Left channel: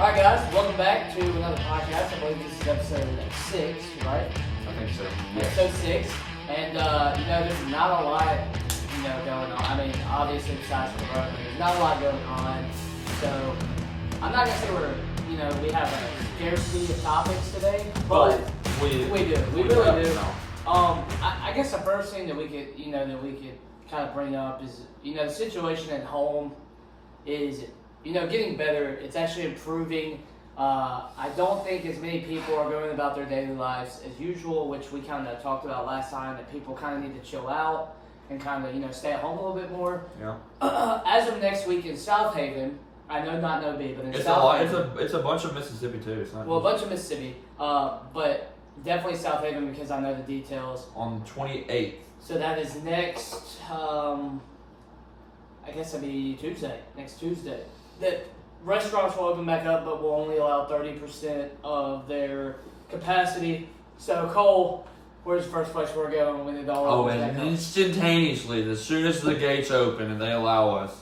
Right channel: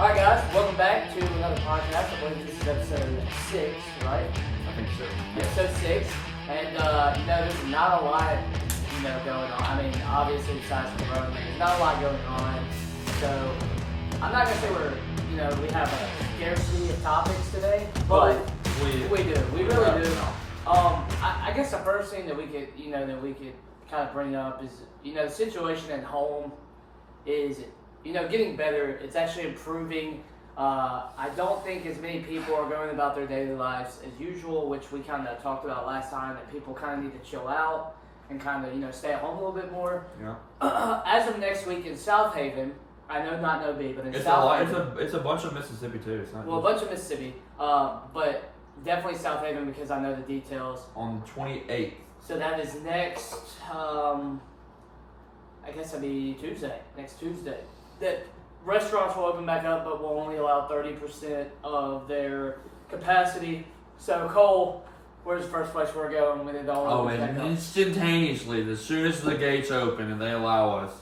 Alright guys, welcome back to another podcast. I believe this is episode 6, right? I think so. Yeah. Episode 6. And there's not a lot, going on. I mean, obviously besides Corona, there's not a lot going on. So I'm not gonna say we have a scarcity of topics today, but we do. We really do. I guess the first thing that we could kind of bring up is, the situation at home is getting better. It's actually improving. I don't think as many people are going about their daily lives as usual, which we kind of talked about last time, that people kind of need to chill out and kind of, stay at home a little bit more. Yeah. As of next week in South Haven, I know not No B, but in South Haven. It's a bunch of Mississippi too. It's not a bunch of Mississippi, but definitely South Haven because I know the details. On the 28th. So that is next, I guess that'd be next Tuesday. That restaurants will open back up, but will only allow 30% of their capacity. So Cole, where's the first place we're going when it all opens back up? Instantaneously, as soon as the gates open and they allow us,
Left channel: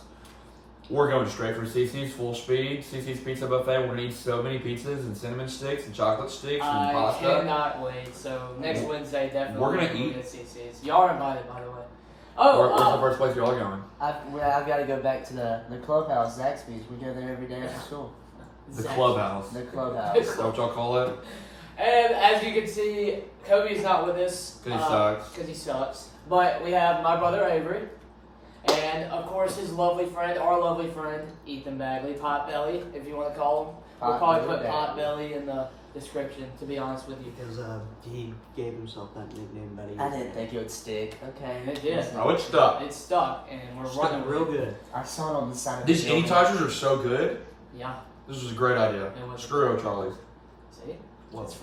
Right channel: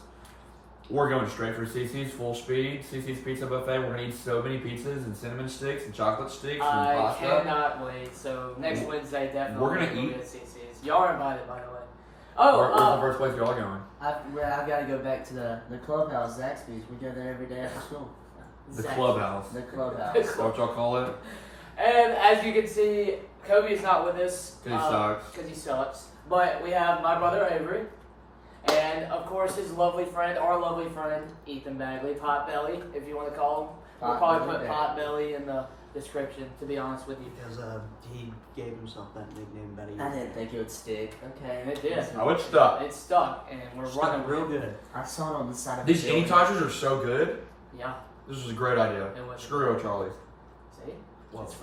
we're going straight for CICI'S full speed. CICI'S Pizza Buffet. We're gonna eat so many pizzas and cinnamon sticks and chocolate sticks and pasta. I cannot wait. So next Wednesday, definitely we're gonna eat at CICI'S. Y'all are invited, by the way. Where's the first place y'all going? I've got to go back to the clubhouse, Zaxby's. We go there every day after school. The clubhouse. The clubhouse. Is that what y'all call it? And as you can see, Kobe is not with us. Because he sucks. But we have my brother Avery. And of course our lovely friend, Ethan Bagley, Potbelly, if you want to call him. We'll probably put Potbelly in the description, to be honest with you. Because he gave himself that nickname, Betty. I didn't think it would stick. Okay. It did. Oh, it's stuck. It's stuck, and we're running real good. I saw it on the side of These the building. Annie-Touchers are so good. Yeah. This was a great idea. Screw O'Charlie's. See?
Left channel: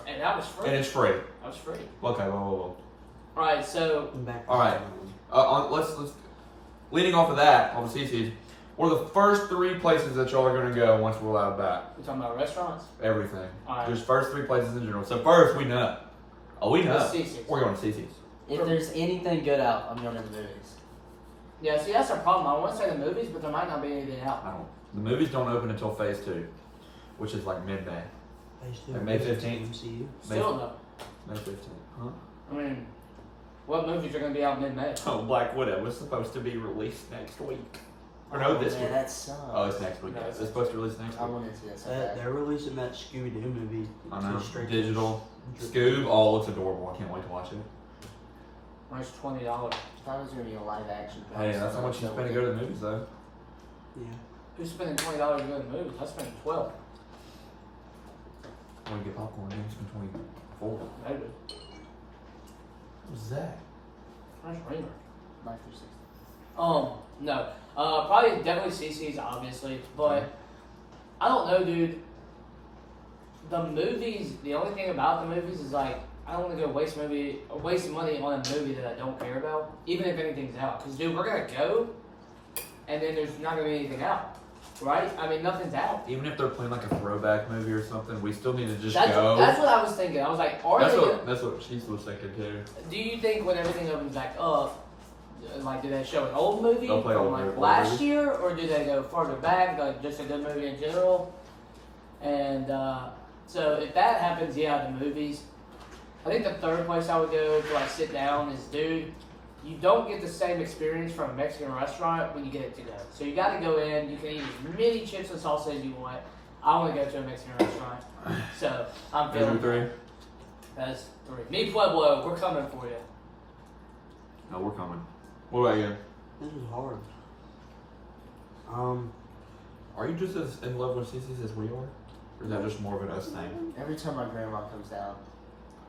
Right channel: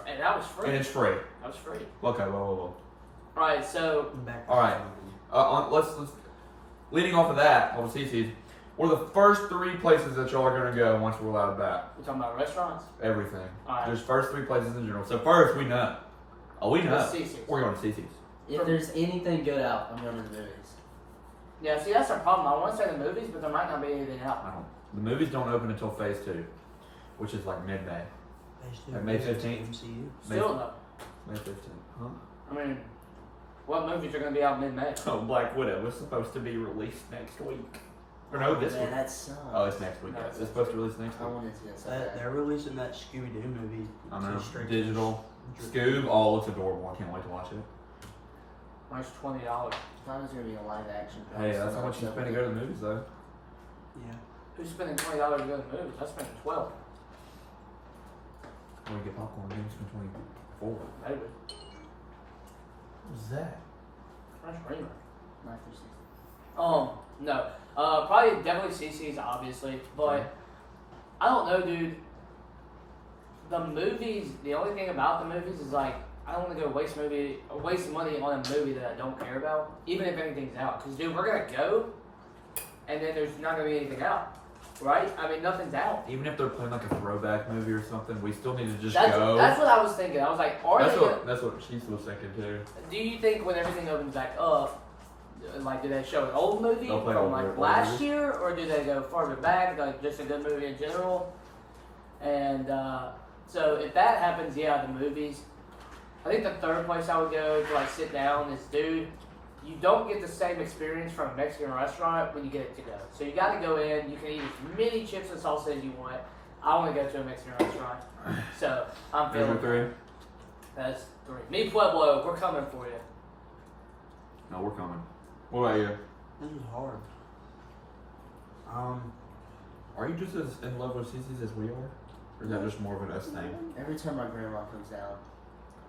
And that was free. And it's free. That was free. Okay, well. Alright, so... Alright. Let's leading off of that, on the CICI'S, what are the first 3 places that y'all are going to go once we're allowed back? We're talking about restaurants? Everything. Alright. Just first 3 places in general. So first, we know. Oh, we know. CICI'S. We're going to CICI'S. If there's anything good out, I'm going to the movies. Yeah, see, that's our problem. I want to say the movies, but there might not be anything out. The movies don't open until Phase 2, which is like mid-May. Phase 2. Like May 15th. MCU. Still though. May 15th. Huh? I mean, what movies are going to be out mid-May? Oh, Black Widow was supposed to be released next week. Or no, this week. That sucks. Oh, it's next week. No, It's supposed to release next I week. wanted to see that so bad. They're releasing that Scooby-Doo movie. I know. Straight Digital. to- Scoob. Oh, it's adorable. I can't wait to watch it. Mine's $20. I thought it was going to be a live action film. Hey, that's how much you spend to go to the movies, though. Yeah. Who's spending $20 to go to the movies? I spent $12. Or you get popcorn, then you spend 24. Maybe. What's that? French Reamer. Life 360. No. Probably definitely CICI'S, obviously, but I don't know, dude. The movies, the only thing about the movies is like, I don't want to go waste money on a movie that I don't care about, even if anything's out. Because, dude, we're going to go, and then there's not going to be anything out, right? I mean, nothing's out. Even if they're playing like a throwback movie or something, we still need to just That's go. That's what I was thinking. I was like, That's what she was thinking too. Do you think when everything opens back up, like, do they show an old movie They'll play from old like movie. last year, or do they go farther back, like just a good movie in general? And so if that happens, yeah, the movies. I think the third place I would go to like sit down is, dude, you don't get the same experience from a Mexican restaurant when you get it to go. So you got to go in. You can eat as many chips and salsa as you want. I want to go to a Mexican restaurant, so I'm feeling. Number 3. That's 3. Me Pueblo, we're coming for you. No, we're coming. What about you? This is hard. Are you just as in love with CICI'S as we are? Or is that just more of an us thing? Every time my grandma comes down,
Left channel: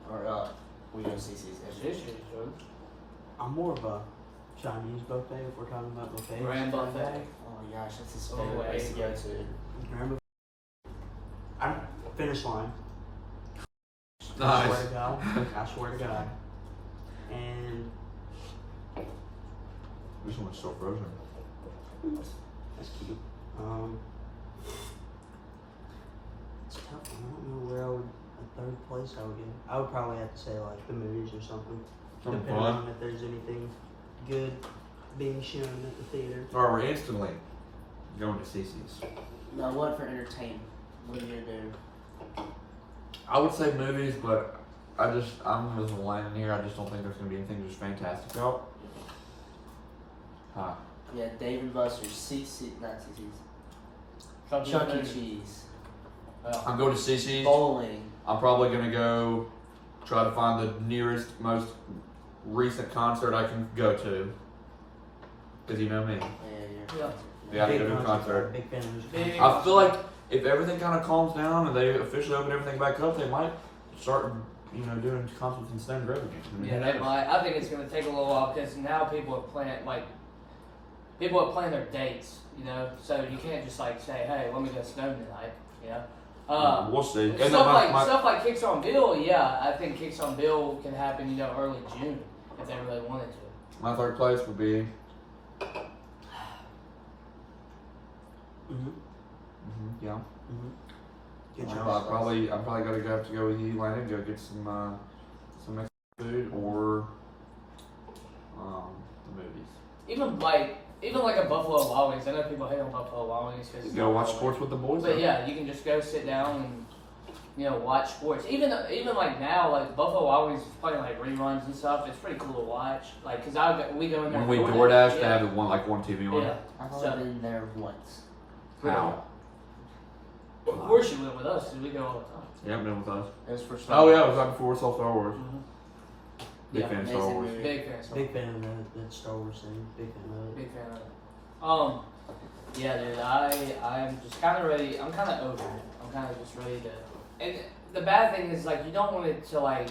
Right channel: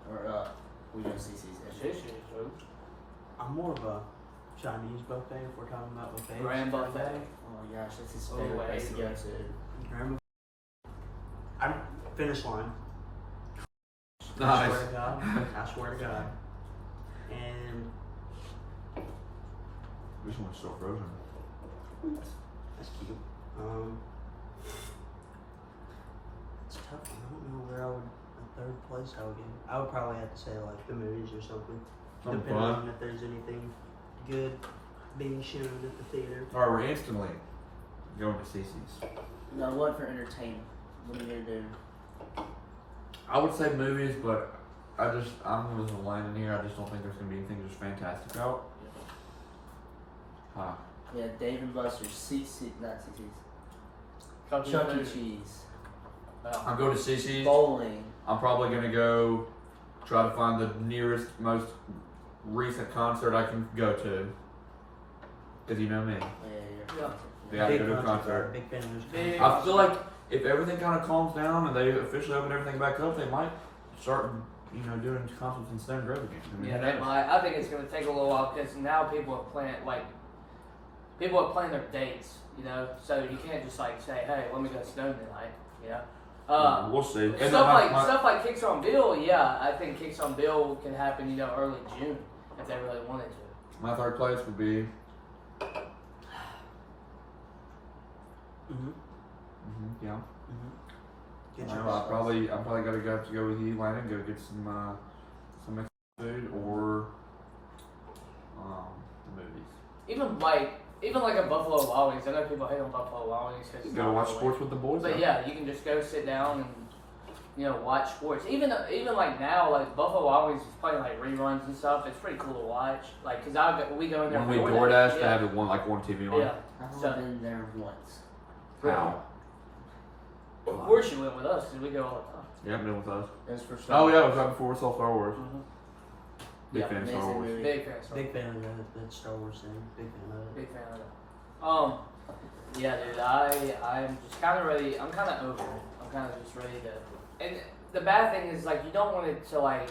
or we go to CICI'S. I'm more of a Chinese buffet if we're talking about buffets. Grand buffet. Oh my gosh, that's his Oh, favorite wait. place to go to. Grand I'm finish line. I Nice. swear to God. I swear to God. And This one's still frozen. that's cute. It's a tough one. I don't know where a third place I would give. I would probably have to say like the movies or something. Something Depending fun. on if there's anything good being shown at the theater. Alright, we're instantly going to CICI'S. No, what for entertainment? What are you gonna do? I would say movies, but I'm with Landon here. I just don't think there's gonna be anything just fantastic out. Huh. Yeah, Dave and Buster's, not CC's. Chuck Chuck E. Cheese. I'm going to CICI'S. Bowling. I'm probably gonna go try to find the nearest, most recent concert I can go to. Cause you know me. Yeah. Yeah, I have to go to a concert. Big fan of his Big- concert. I feel like if everything kind of calms down and they officially open everything back up, they might start, doing concerts in Stone Grove again. I mean, Yeah, who they knows? might. I think it's going to take a little while because now people are planning their dates, so you can't just like say, hey, let me go Stone tonight, We'll see. And Stuff like Kicks on Bill, yeah, I think Kicks on Bill can happen, early June if they really wanted to. my third place would be. Yeah. Get I'm your probably gonna have to go with you, Landon. Go get some Mexican food or the movies. Even like a Buffalo Wild Wings. I know people hate on Buffalo Wild Wings because Go watch sports with the boys. But yeah, you can just go sit down and watch sports. Even like now, like Buffalo Wild Wings is playing like reruns and stuff. It's pretty cool to watch. Like because we go in there. When we for DoorDash, they yeah. have one TV on. Yeah. I've So- only been there once. How? Of course you went with us because we go all the time. Yeah, been with us. It was for Star Oh yeah, it Wars. was right before we saw Star Wars. Big Yeah, fan of Star amazing Wars. movie. Big fan. of Star Big fan of that Star Wars thing. Big fan of it. Big fan of it. Yeah, dude. I'm just kind of ready. I'm kind of over it. I'm kind of just ready to. And the bad thing is like you don't want it to like.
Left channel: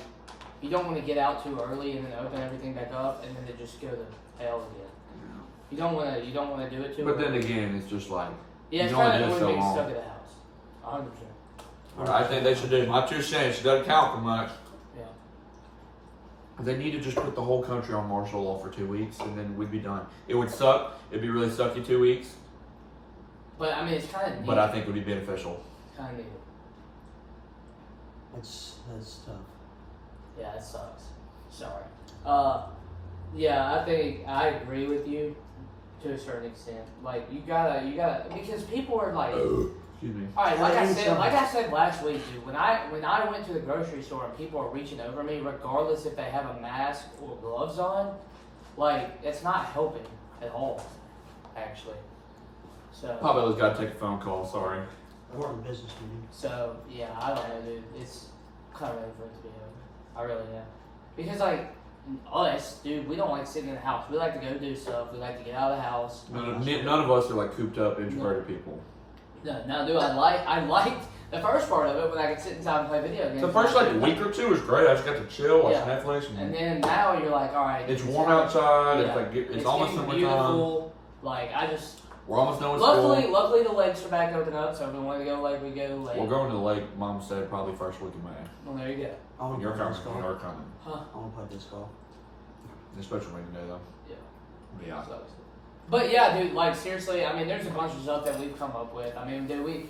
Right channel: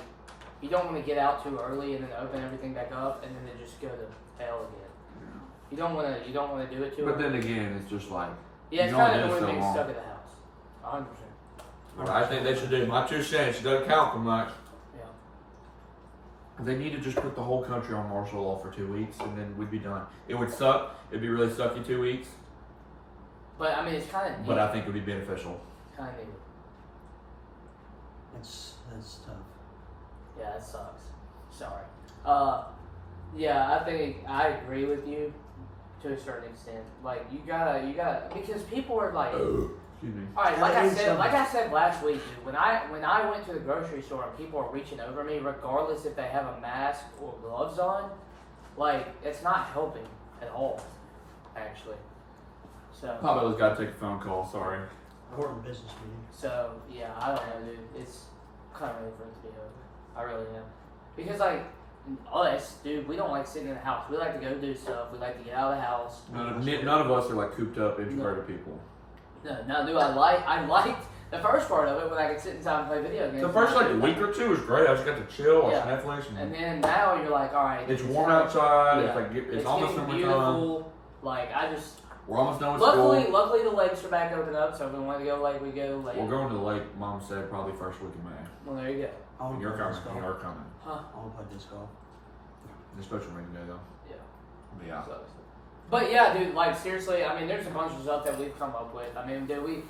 You don't want to get out too early and then open everything back up and then it just go to hell again. Yeah. You don't want to. You don't want to do it too. But early. then again, it's just like Yeah, it's you can kind only of do it annoying so being long. stuck at the house. 100%. I think they should do my 2 cents. It doesn't count for much. Yeah. They need to just put the whole country on martial law for 2 weeks, and then we'd be done. It would suck. It'd be really sucky 2 weeks, But I mean, it's kind of neat. but I think it would be beneficial. Kind of neat. That's tough. Yeah, it sucks. Sorry. Yeah, I think I agree with you to a certain extent. Like you gotta because people are like. Excuse me. All right, Yeah, like I said last week, dude. When I went to the grocery store and people are reaching over me, regardless if they have a mask or gloves on, like it's not helping at all, actually. So Pablo's got to take a phone call. Sorry. Important business meeting. So yeah, I don't know, dude. It's kind of ready for it to be over. I really am, because like us, dude, we don't like sitting in the house. We like to go do stuff. We like to get out of the house. None of us are like cooped up, introverted people. No, dude. I liked the first part of it when I could sit inside and play video games. The first like week or two was great. I just got to chill, watch Yeah. Netflix, And then now you're like, all right. it's dude, warm outside. Yeah. It's almost getting summertime. beautiful. Like I just. We're almost done with school. Luckily the lakes are back open up. So if we want to go lake, we go lake. We're going to the lake. Mom said probably first week of May. Well, there you go. I want to You're play coming. disc golf. You're coming. Huh? I want to play disc golf. It's supposed to rain today though. Yeah. But yeah. Sucks. But yeah, dude. Like seriously, I mean, there's a bunch of stuff that we've come up with. I mean, dude,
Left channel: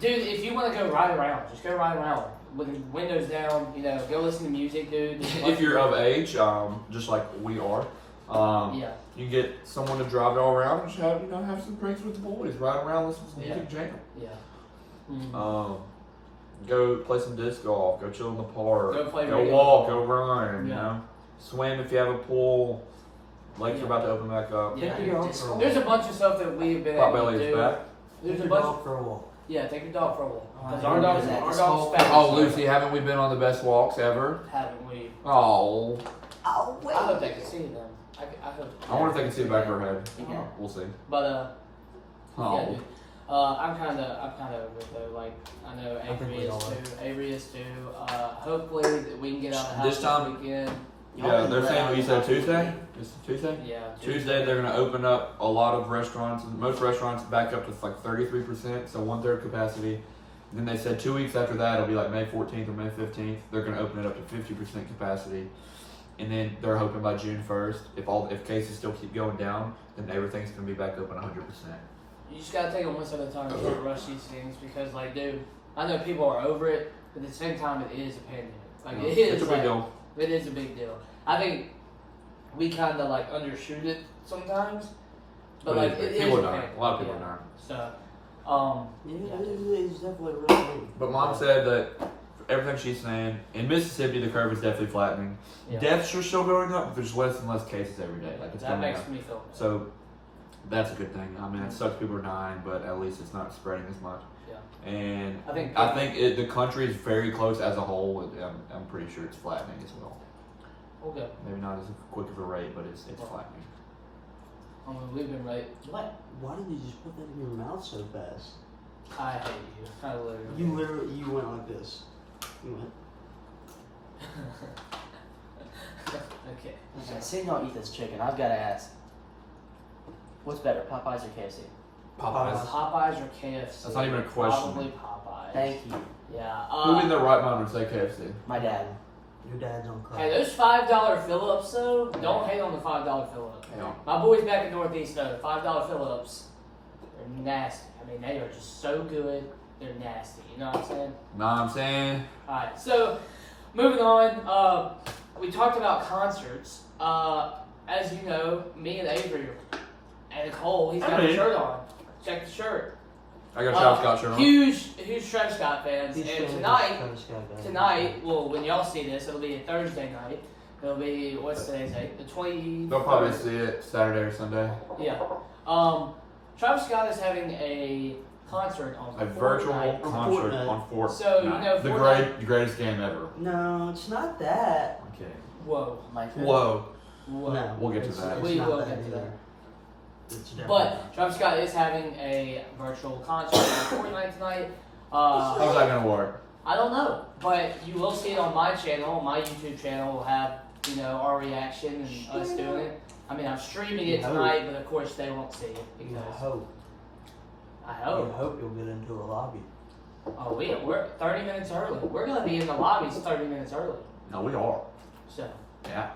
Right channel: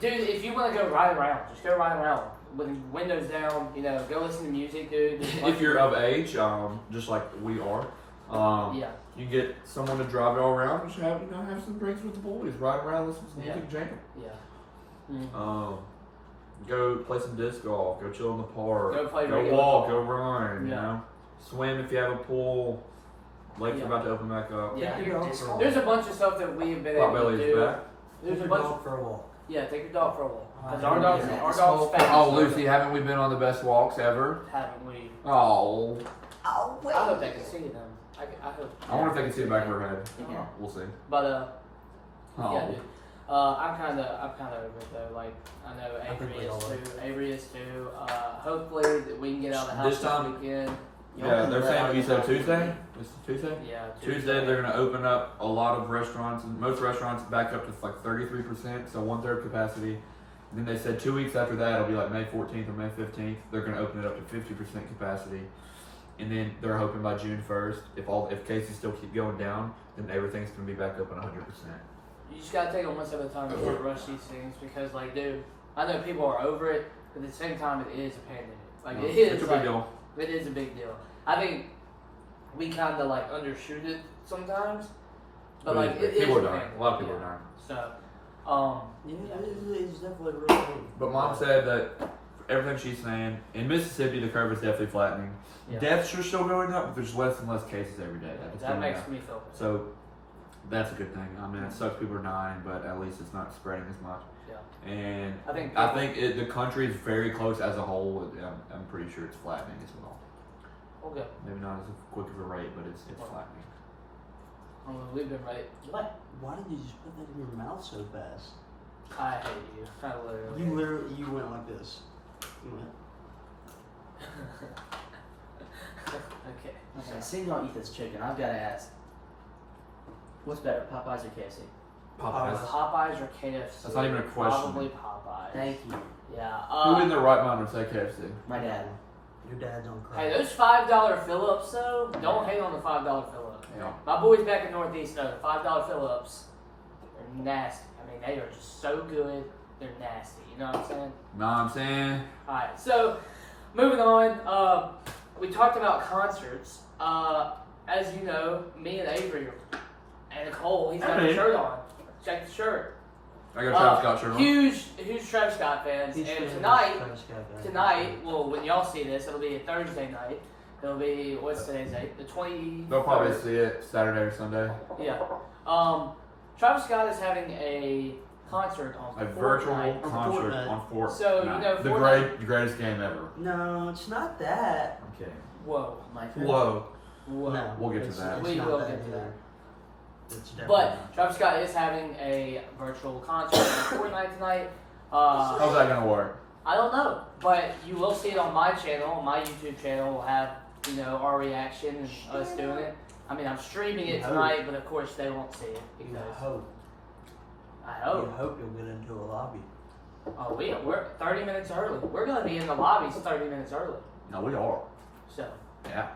if you want to go ride around, just go ride around with the windows down. Go listen to music, dude. There's a bunch If you're of of age, just like we are, yeah. you can get someone to drive it all around. Just have some drinks with the boys, ride around, listen to some Yeah. music, jam. Yeah. Mhm. Go play some disc golf. Go chill in the park. Go play Go regular walk. ball. Go run. Yeah. Swim if you have a pool. Lakes Yeah. are about to open back up. Yeah. Take your dog for a walk. There's a bunch of stuff that we've been able to Potbelly's do. back. There's Take a your bunch. dog for a walk. Yeah, take your dog for a walk. Because Oh, our dog's yeah, our this dog's whole- fast. Oh, Lucy, haven't we been on the best walks ever? Haven't we? Oh, Oh I hope they can see them. I hope. I wonder if they can see the back of her head. Yeah. We'll see. But Oh. yeah, dude. I'm kind of over it though. Like I know think Avery we is all are. too. Avery is too. Hopefully that we can get out of the house This time- weekend. Yeah, they're saying you said Tuesday. It's Tuesday. Yeah. Tuesday they're going to open up a lot of restaurants. Most restaurants back up to like 33%, so 1/3 capacity. And then they said 2 weeks after that, it'll be like May 14th or May 15th. They're going to open it up to 50% capacity, and then they're hoping by June 1st, if cases still keep going down, then everything's going to be back open 100%. You just gotta take it one step at a time. You can't rush these things because, like, dude, I know people are over it, but at the same time, it is a pandemic. Like, it is. It's a big like, deal. It is a big deal. I think we kind of like undershoot it sometimes, but like it is People a are dying. pandemic. A lot of people Yeah. are dying. So, It's definitely a real thing. But Mom said that everything she's saying, in Mississippi, the curve is definitely flattening. Yeah. Deaths are still going up, but there's less and less cases every day. Like, it's That going makes up. me feel good. So that's a good thing. I mean, it sucks people are dying, but at least it's not spreading as much. Yeah. And I I think the country is very close as a whole. I'm pretty sure it's flattening as well. Okay. Maybe not as quick of a rate, but it's flattening. I mean, we've been right. Why did you just put that in your mouth so fast? I hate you. I literally. You went like this. You went. Okay. Okay, seeing y'all eat this chicken, I've got to ask. What's better, Popeyes or KFC? Popeyes. Popeyes or KFC? That's not even a question. Probably Popeyes. Thank you. Yeah. Who in their right mind would say KFC? My dad. Your dad's on crack. Hey, those $5 fill-ups though, don't hate on the $5 fill-up. No. My boys back in Northeast know the $5 fill-ups, they're nasty. I mean, they are just so good, they're nasty. You know what I'm saying? Know what I'm saying? Alright, so moving on, we talked about concerts. As you know, me and Avery and Cole, he's got a shirt on. Check the shirt. I got Travis Scott shirt on. Huge Travis Scott fans. He's And famous. tonight, Travis Scott guy. Tonight, well, when y'all see this, it'll be a Thursday night. It'll be, what's today's date? The 20th. They'll probably see it Saturday or Sunday. Yeah. Travis Scott is having a concert on A virtual Fortnite. concert Fortnite. on Fortnite. So, you know, the Fortnite- greatest game ever. No, it's not that. Okay. Whoa. My favorite. Whoa. Whoa. No, We'll get to it's- that. it's We not will that get to either. that. It's definitely But not. Travis Scott is having a virtual concert on Fortnite tonight. How's that gonna work? I don't know, but you will see it on my channel. My YouTube channel will have, you know, our reaction and us doing it. I mean, I'm streaming it You hope. tonight, but of course they won't see it You because hope. I You hope. hope you'll get into a lobby. Oh, we're 30 minutes early. We're gonna be in the lobbies 30 minutes early. No, we are. So. Yeah.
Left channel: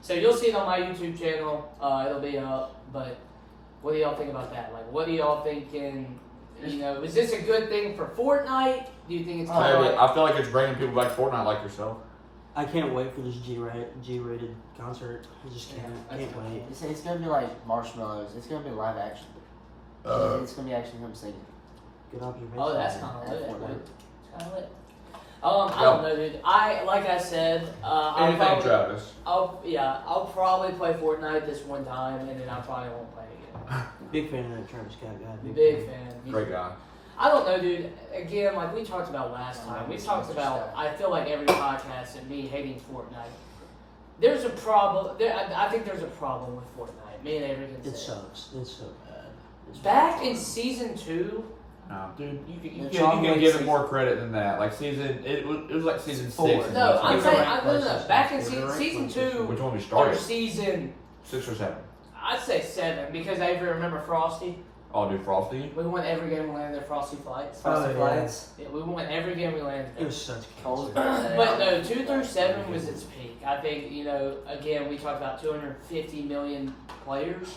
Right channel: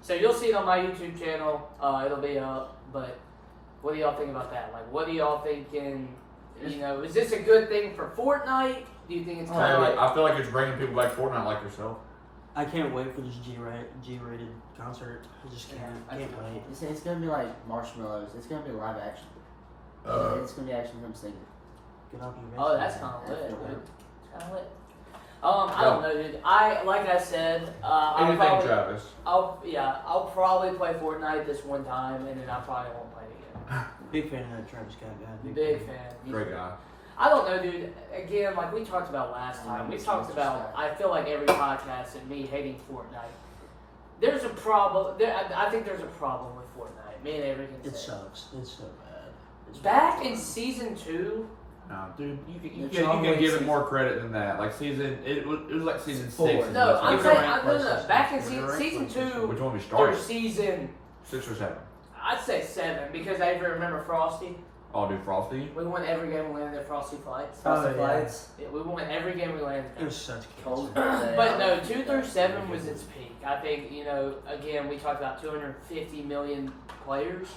So you'll see it on my YouTube channel. It'll be up. But what do y'all think about that? Like, what do y'all thinking? You know, is this a good thing for Fortnite? Do you think it's kind of like? I feel like it's bringing people back to Fortnite like yourself. I can't wait for this G-rated concert. I just can't wait. It's gonna be like Marshmallows. It's gonna be live action. It's gonna be actually him singing. Good observation. Oh, that's kind of lit. Fortnite. It's kind of lit. I don't know, dude. Like I said, Anything, Travis. I'll probably play Fortnite this one time, and then I probably won't play it again. Big fan of that Travis Scott guy. Big fan. Great guy. I don't know, dude. Again, like we talked about last time, we talked about. I feel like every podcast and me hating Fortnite. There's a problem. I think there's a problem with Fortnite. Me and Avery can It say. sucks. It's so bad. It's Back really in bad. season 2. No, dude, you The can John give Wick it more credit than that. Like it was like season 6. No, I'm It's saying a rank no. Back in PlayStation. It's a rank season 2, PlayStation. Which one we or started? season, 6 or 7. I'd say 7 because I even remember Frosty. Oh, dude, Frosty. We won every game we landed Frosty Flights. Oh, Frosty yeah. Flights. Yeah, we won every game we landed. It was such Cold. cancer. But no, 2 through 7 was its peak. I think, you know, again, we talked about 250 million players.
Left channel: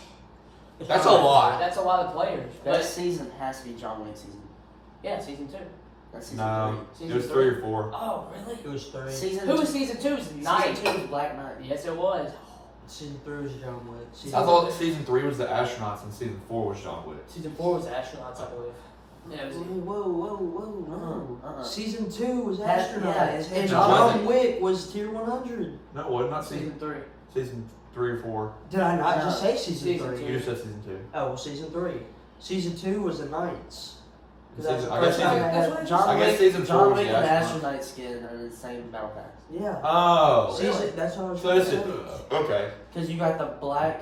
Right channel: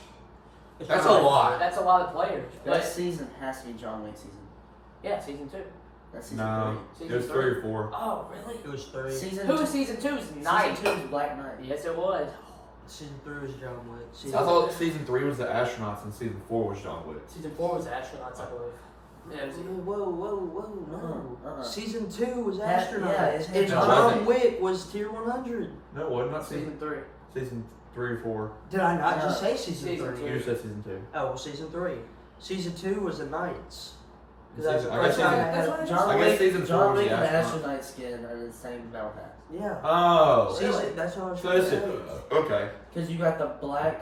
That's a lot. That's a lot of players. That But season has to be John Wick season. yeah, season 2. That's season No, three. it was 3 or 4. Oh, really? It was 3. Season Who two, was season 2? It was Night. Season 2 was Black Knight. Yes, it was. Season 3 was John Wick. I thought season 3 was the astronauts and season 4 was John Wick. Season 4 was the astronauts, I believe. Yeah, it was, Uh-uh. Season 2 was Yeah, astronauts. it's- and it's No, John wasn't. Wick was tier 100. No, it wasn't. Not season 3. season 3 or 4. Did I not No. just say season Season 3? two. You just said season 2. Oh, well, season 3. Season 2 was the Knights. 'Cause that's the I guess first time I That's had. what I John I guess Wick, season 4 John was Wick the and the astronaut. astronaut skin are the same battle pass. Yeah. Oh. Season, that's what I was So trying to this say. is okay. Because you got the black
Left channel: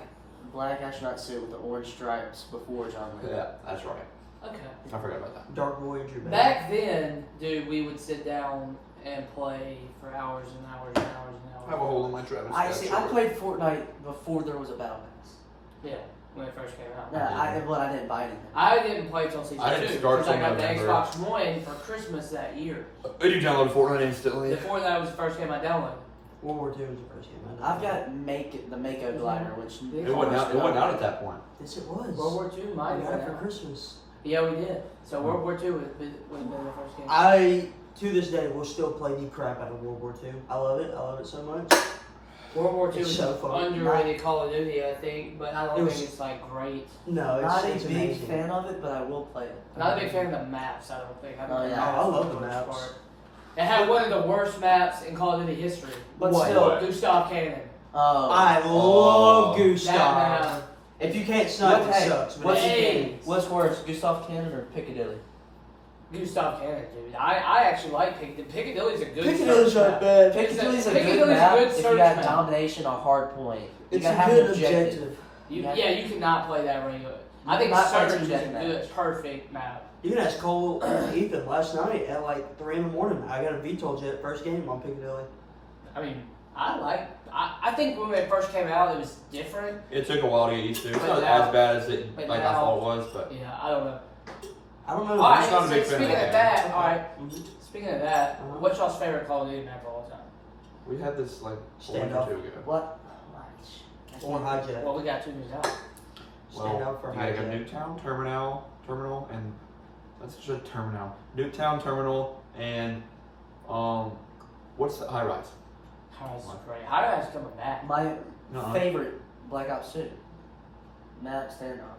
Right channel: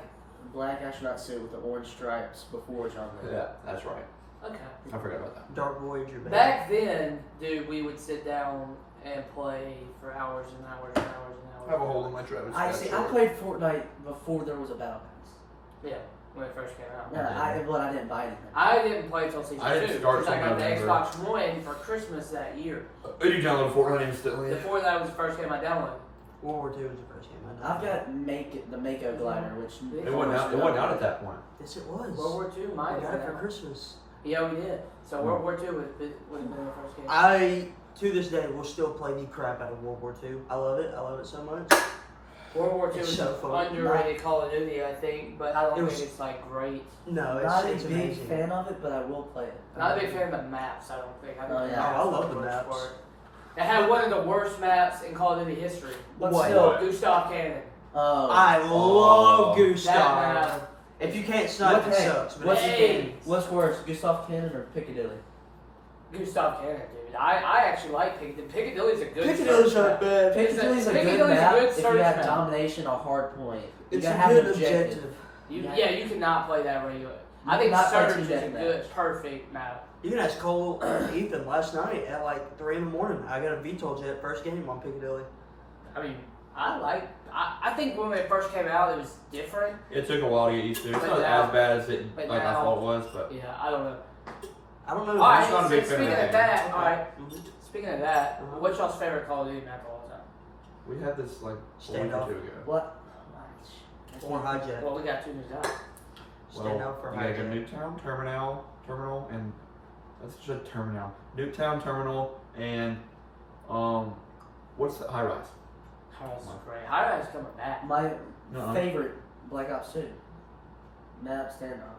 astronaut suit with the orange stripes before John Wick. Yeah, that's right. Okay. I forgot about that. Dark Voyager. baby. Back then, dude, we would sit down and play for hours and hours and hours and hours. I have a hole in my Travis. I Scott see. I shirt. played Fortnite before there was a battle pass. Yeah, when it first came out. No, I didn't buy anything. I didn't play till season I didn't 2 start because I till got the November. Xbox One for Christmas that year. Did you download Fortnite instantly? Before that was the first game I downloaded. World War II was the first game I I've got the Mako glider, which It wasn't out. It wasn't out at that point. Yes, it was. World War II might I have got it been for out. Christmas. Yeah, we did. So World War II would have been the first game. I, to this day, will still play the crap out of World War II. I love it. I love it so much. World War II It's is so fun. underrated Call of Duty, I think, but I don't It was- think it's like great. No, Not it's a big amazing. fan of it, but I will play it. Not a big fan of the maps, I don't think. I don't Oh, think yeah. that's I love the worst maps. part. It had one of the worst maps in Call of Duty history. But What? still, Gustav Cannon. I love That Gustav. map. If you can't snipe, it Hey, sucks. But what's, if you Hey. can, what's worse, Gustav Cannon or Piccadilly? Gustav Cannon, dude. I actually like Piccadilly. Piccadilly's a good Piccadilly's search are map. bad. Piccadilly's a Piccadilly's good a map good if you search got map. domination or hard point. You It's gotta a have good an objective. objective. Yeah, you cannot play that regular. I You think cannot play Surge team is a deathmatch. good, perfect map. You can ask Cole and Ethan last night at like 3 in the morning. I got a VTOL jet first game on Piccadilly. I mean, I think when it first came out, it was different. It took a while to get used to. It's But not now- as bad as it but like I now- thought it was, but Yeah, I don't know. I don't know. All right, just not a big so fan speaking of of that that, all right. Mhm. Speaking of that, Uh-huh. what's y'all's favorite Call of Duty map of all time? we had this like a week or Standoff. two ago. What? Or hijack. Well, we got two news out. Stand out for you got hijack. Nuketown Terminal, and that's just Terminal. Nuketown Terminal, and what's the High Rise? High-Rise is great. High-Rise is coming back. My No, favorite Black Ops 2. Map standoff.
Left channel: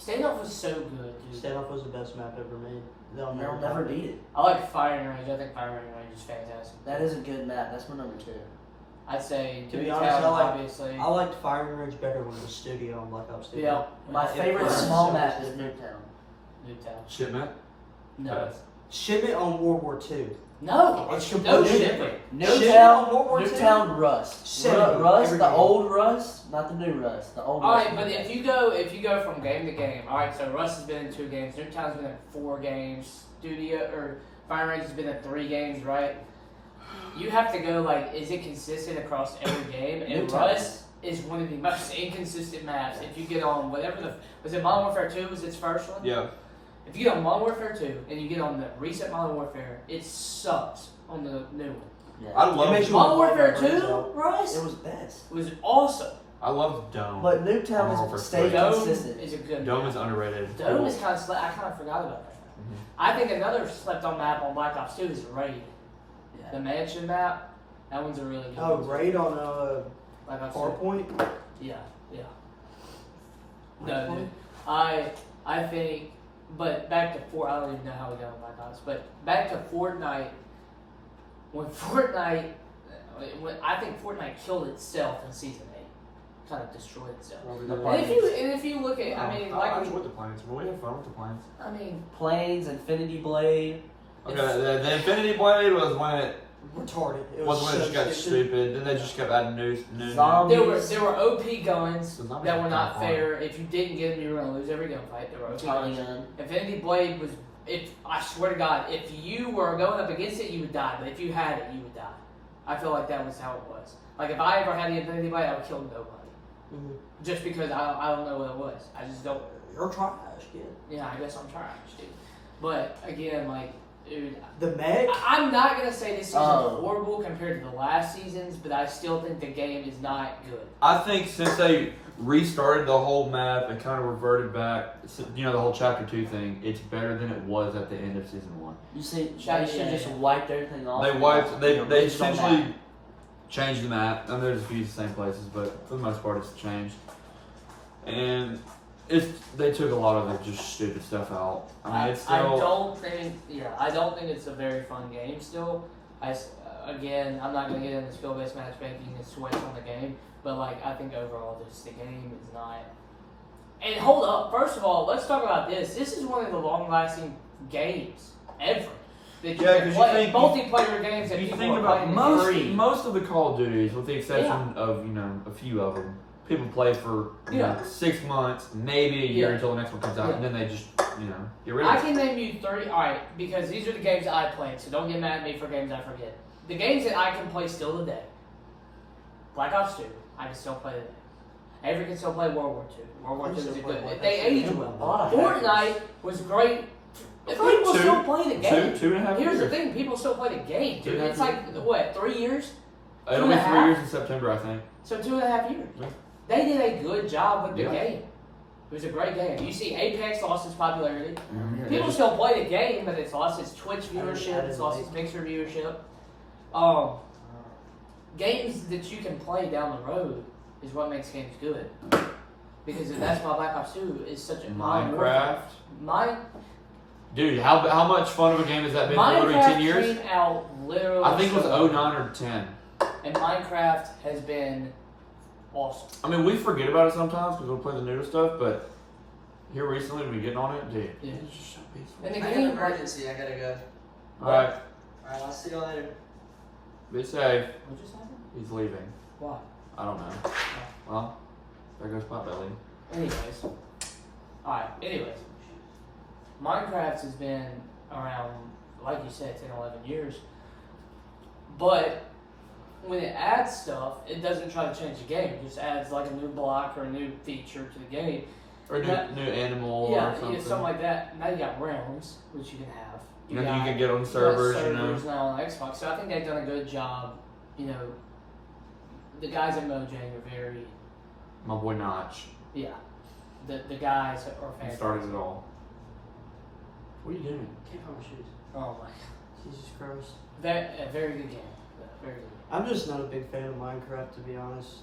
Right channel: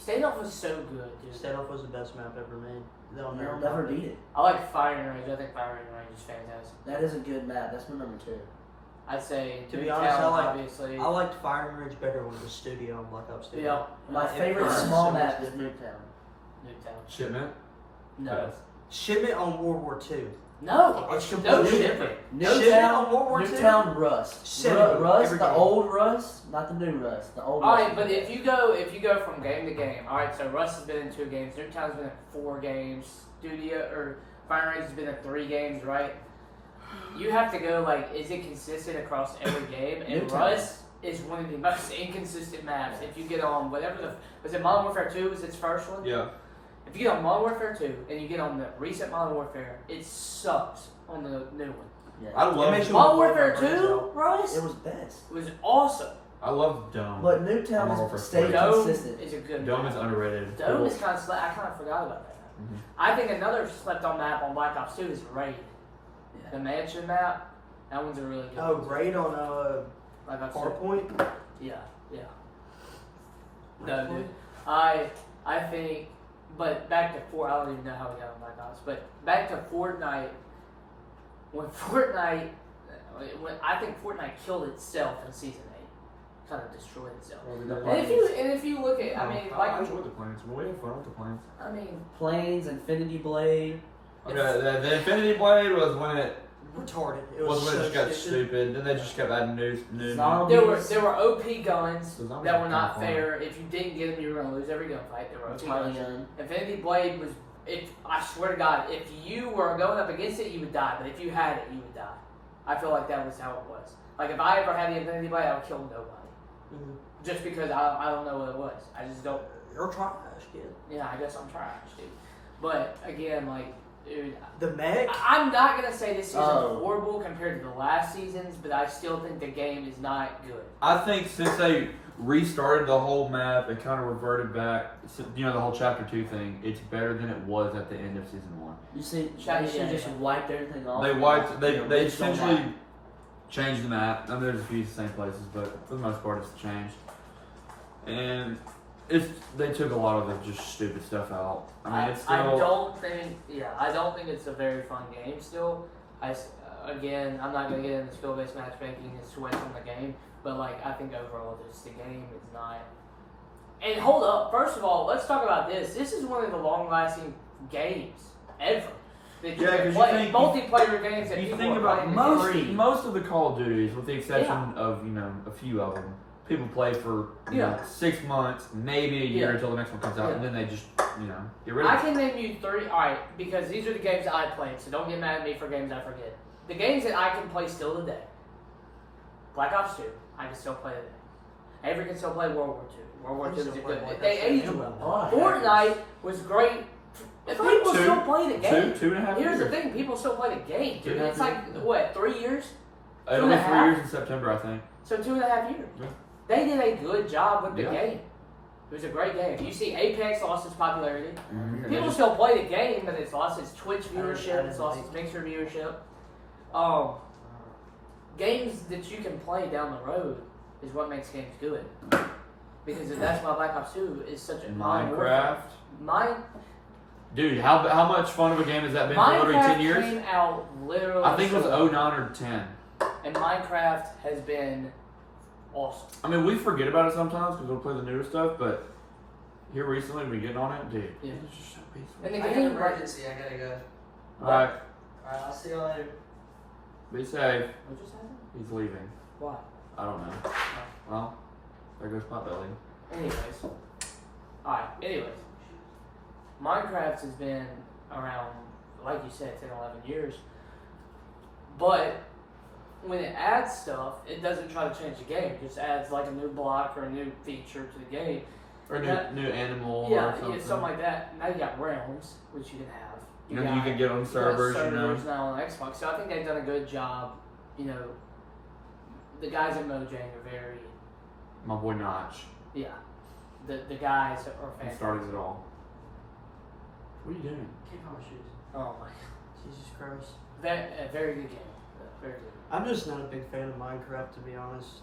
Standoff was so good, dude. Standoff was the best map ever made. They'll They'll never never top it. beat it. I like Firing Range. I think Firing Range is fantastic. That is a good map. That's my number 2. I'd say To be Nuketown, honest, obviously. I liked Firing Range better when it was Studio on Black Ops 2. Yeah. My It favorite burns small so map much. is Nuketown. Nuketown. Shipment. No. Shipment on World War II. No. It's No completely shit. different. Nuketown, World War II? Nuketown Rust. Seventy, Rust, every the game. old Rust, not the new Rust. The old All Rust. right, but if you go from game to game, all right. So Russ has been in 2 games. Nuketown's been in 4 games. Fire Range has been in 3 games, right? You have to go like, is it consistent across every game? And Nuketown. Russ is one of the most inconsistent maps. If you get on whatever was it Modern Warfare 2 was its first one? Yeah. If you get on Modern Warfare 2 and you get on the recent Modern Warfare, it sucks on the new one. Yeah. I love. makes you- Modern Warfare Warfare 2, Russ, It was best. was awesome. I love Dome. But Modern Nuketown Warfare has stayed 3. Dome consistent. is a good Dome map. is underrated. Dome is kind of I kind of forgot about that. Mhm. I think another slept on map on Black Ops 2 is Raid. Yeah. The mansion map. That one's a really good Oh, one. Raid on Black Ops 2. PowerPoint. Yeah. No, dude. I think, but back to I don't even know how we got on Black Ops, but back to Fortnite. When I think Fortnite killed itself in season 8, kind of destroyed itself. And if you look at, I mean, I like, enjoyed the planes, but we had fun with the planes. I mean, Planes, Infinity Blade. Okay, the Infinity Blade was when it Retarded. It was was when it so just got stupid. stupid. Then they just kept adding new. Zombies. there were OP guns The zombies that were were not kinda fun. fair. If you didn't get them, you were gonna lose every gunfight. There were OP Tommy guns. gun. Infinity Blade was. I swear to God, if you were going up against it, you would die. But if you had it, you would die. I feel like that was how it was. Like if I ever had the Infinity Blade, I would kill nobody. Mhm. Just because I don't know what it was. I just don't. You're trash, kid. Yeah, I guess I'm trash, dude. But again, like, dude, The mech. I'm not gonna say this season Oh. is horrible compared to the last seasons, but I still think the game is not good. I think since they restarted the whole map and kind of reverted back, the whole Chapter 2 thing, it's better than it was at the end of Season 1. You see, Yeah, they should yeah, just yeah. wiped everything off. They and, wiped. They released on essentially that. changed the map, and there's a few same places, but for the most part, it's changed. And they took a lot of the just stupid stuff out. I mean, it's I still. don't think it's a very fun game still. Again, I'm not gonna get into skill-based matchmaking and switch on the game, but like I think overall, just the game is not. And hold up, first of all, let's talk about this. This is one of the long-lasting games ever. That you Yeah, can 'cause you play. think- Multiplayer games that You people think are about playing most free. most of the Call of Duties, with the exception of a few of them, people play for you know, 6 months, maybe a year Yeah. until the next one comes out, Yeah. and then they just get rid I of it. can name you 3. All right, because these are the games I played, so don't get mad at me for games I forget. The games that I can play still today. Black Ops 2, I can still play today. Avery can still play World War 2. World War I 2 can is a still play good. Black They Ops 2. age A well. lot of hackers. Fortnite was great. It's People like still play the game. 2.5 Here's the years. thing: people still play the game, dude. 2.5 It's like what, 3 years? It'll be 3 2.5? years in September, I think. So 2.5 years. Yeah. They did a good job with the Yeah. game. It was a great game. You see, Apex lost its popularity. Mhm. People still play the game, but it's lost its Twitch I viewership. didn't It's lost like- its Mixer viewership. games that you can play down the road is what makes games good. Because that's why Black Ops 2 is such a Minecraft. Dude, how much fun of a game has that been for literally 10 years? Minecraft came out literally. I think it was 09 or 10. And Minecraft has been awesome. I mean, we forget about it sometimes because we'll play the newer stuff, but here recently, we've been getting on it, dude. Yeah. It's just so peaceful. And the I got game, an emergency. I gotta go. Alright, Alright, I'll see you later. be safe. what just happened? He's leaving. Why? I don't know. Well, there goes Potbelly. Anyways. Alright, anyways. Minecraft has been around, like you said, 10, 11 years. But when it adds stuff, it doesn't try to change the game. It just adds like a new block or a new feature to the game. Or new animal Yeah, or something. something like that. Now you got realms, which you can have. You can get on servers, you know. now on Xbox. So I think they've done a good job. You know, the guys at Mojang are very, My boy Notch. yeah. The guys are He fantastic. started it all. What are you doing? Can't find my shoes. Oh my. Jesus Christ. A very good game. Very good. I'm just not a big fan of Minecraft, to be honest.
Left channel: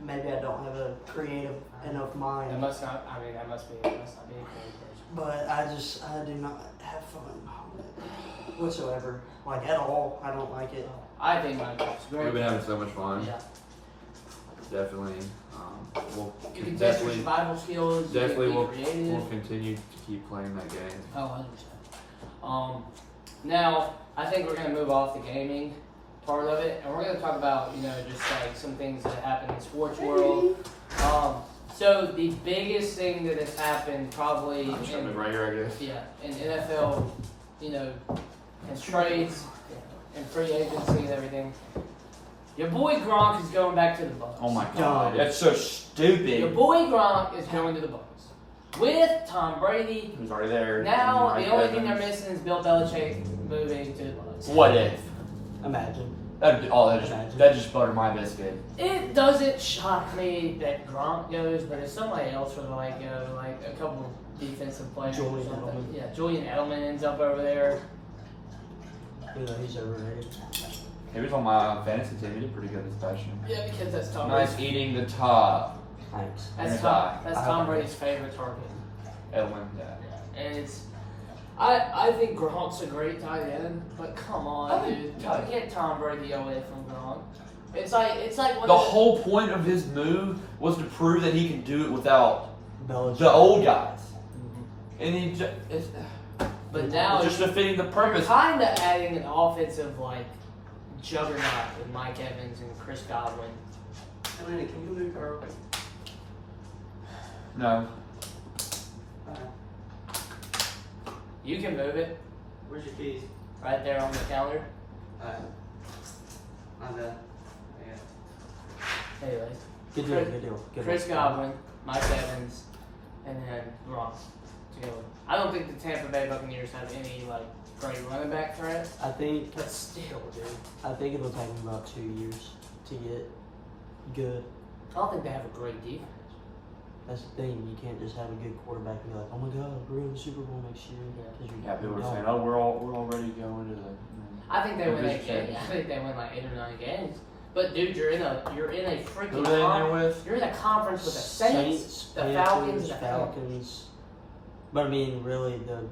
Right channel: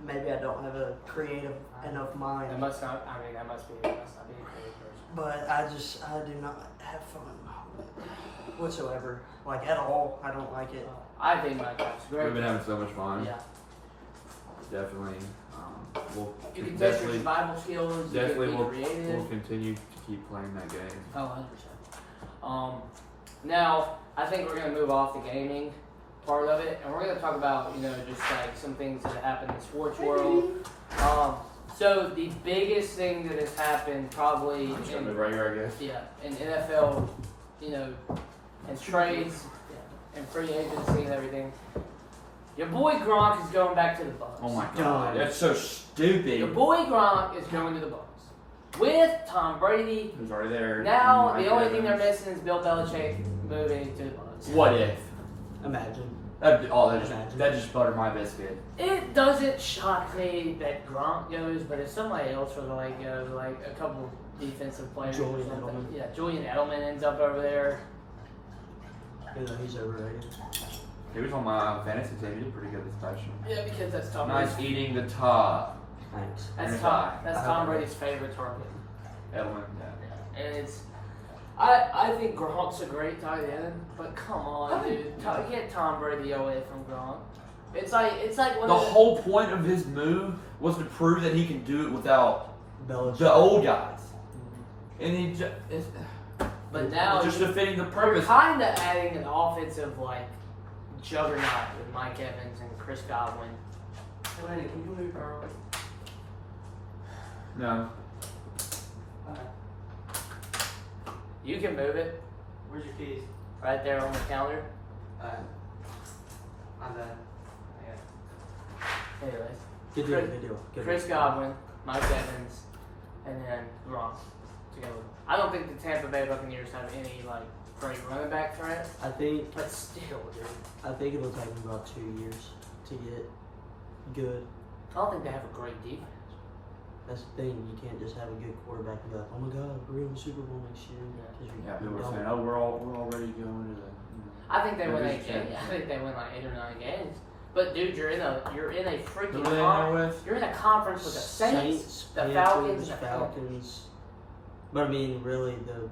Maybe I don't have a creative enough It mind. must not. I mean, that must not be a creative person. But I do not have fun whatsoever. Like, at all. I don't like it. I think Minecraft's great. We've been having so much fun. Yeah. Definitely. We'll You can test your definitely, survival skills. definitely you can we'll, be creative. we'll continue to keep playing that game. Oh, 100%. Now, I think we're going to move off the gaming part of it, and we're going to talk about, just like some things that happen in the sports world. So the biggest thing that has happened probably I'm just gonna move right here, I guess. in NFL, and trades and free agency and everything. Your boy Gronk is going back to the Bucks. Oh my god, that's so stupid. Your boy Gronk is going to the Bucks with Tom Brady. Who's already there. Now Mike the only thing Evans. they're missing is Bill Belichick moving to the Bucks. What if? Imagine. That just buttered my biscuit. It doesn't shock me that Gronk goes, but if somebody else were to go, like a couple defensive players Julian or something. Edelman. Yeah, Julian Edelman ends up over there. He's overrated. He was on my fantasy team. He did pretty good this past year. Yeah, because that's Tom Nice Brady. eating the top. Thanks. That's I Tom hope Brady's favorite target. Edelman, yeah. Yeah, and it's. I think Gronk's a great tight end, but come on, dude, get Tom Brady away from Gronk. It's like one The of whole point of his move was to prove that he could do it without Belichick. the old guys. And he just, But now just defeating the We're purpose. kind of adding an offensive juggernaut with Mike Evans and Chris Godwin. Elena, can you move her? No. You can move it Where's your keys? right there on the counter. On the. Yeah. Anyways, Good deal, good deal. Good Chris one. Godwin, Mike Evans, and then Gronk together. I don't think the Tampa Bay Buccaneers have any great running back threat, I think but still, dude. it'll take him about 2 years to get good. I don't think they have a great defense. That's the thing. You can't just have a good quarterback and be like, "Oh my God, we're in the Super Bowl next year." Yeah. 'Cause you Yeah, people were don't. saying, "Oh, we're already going to the." I think they They're win 8 just games. changing. I think they win 8 or 9 games. But dude, you're in a Who freaking they in there conference. with? You're in a conference with the Saints, the Falcons, and the Falcons. But I mean, really, the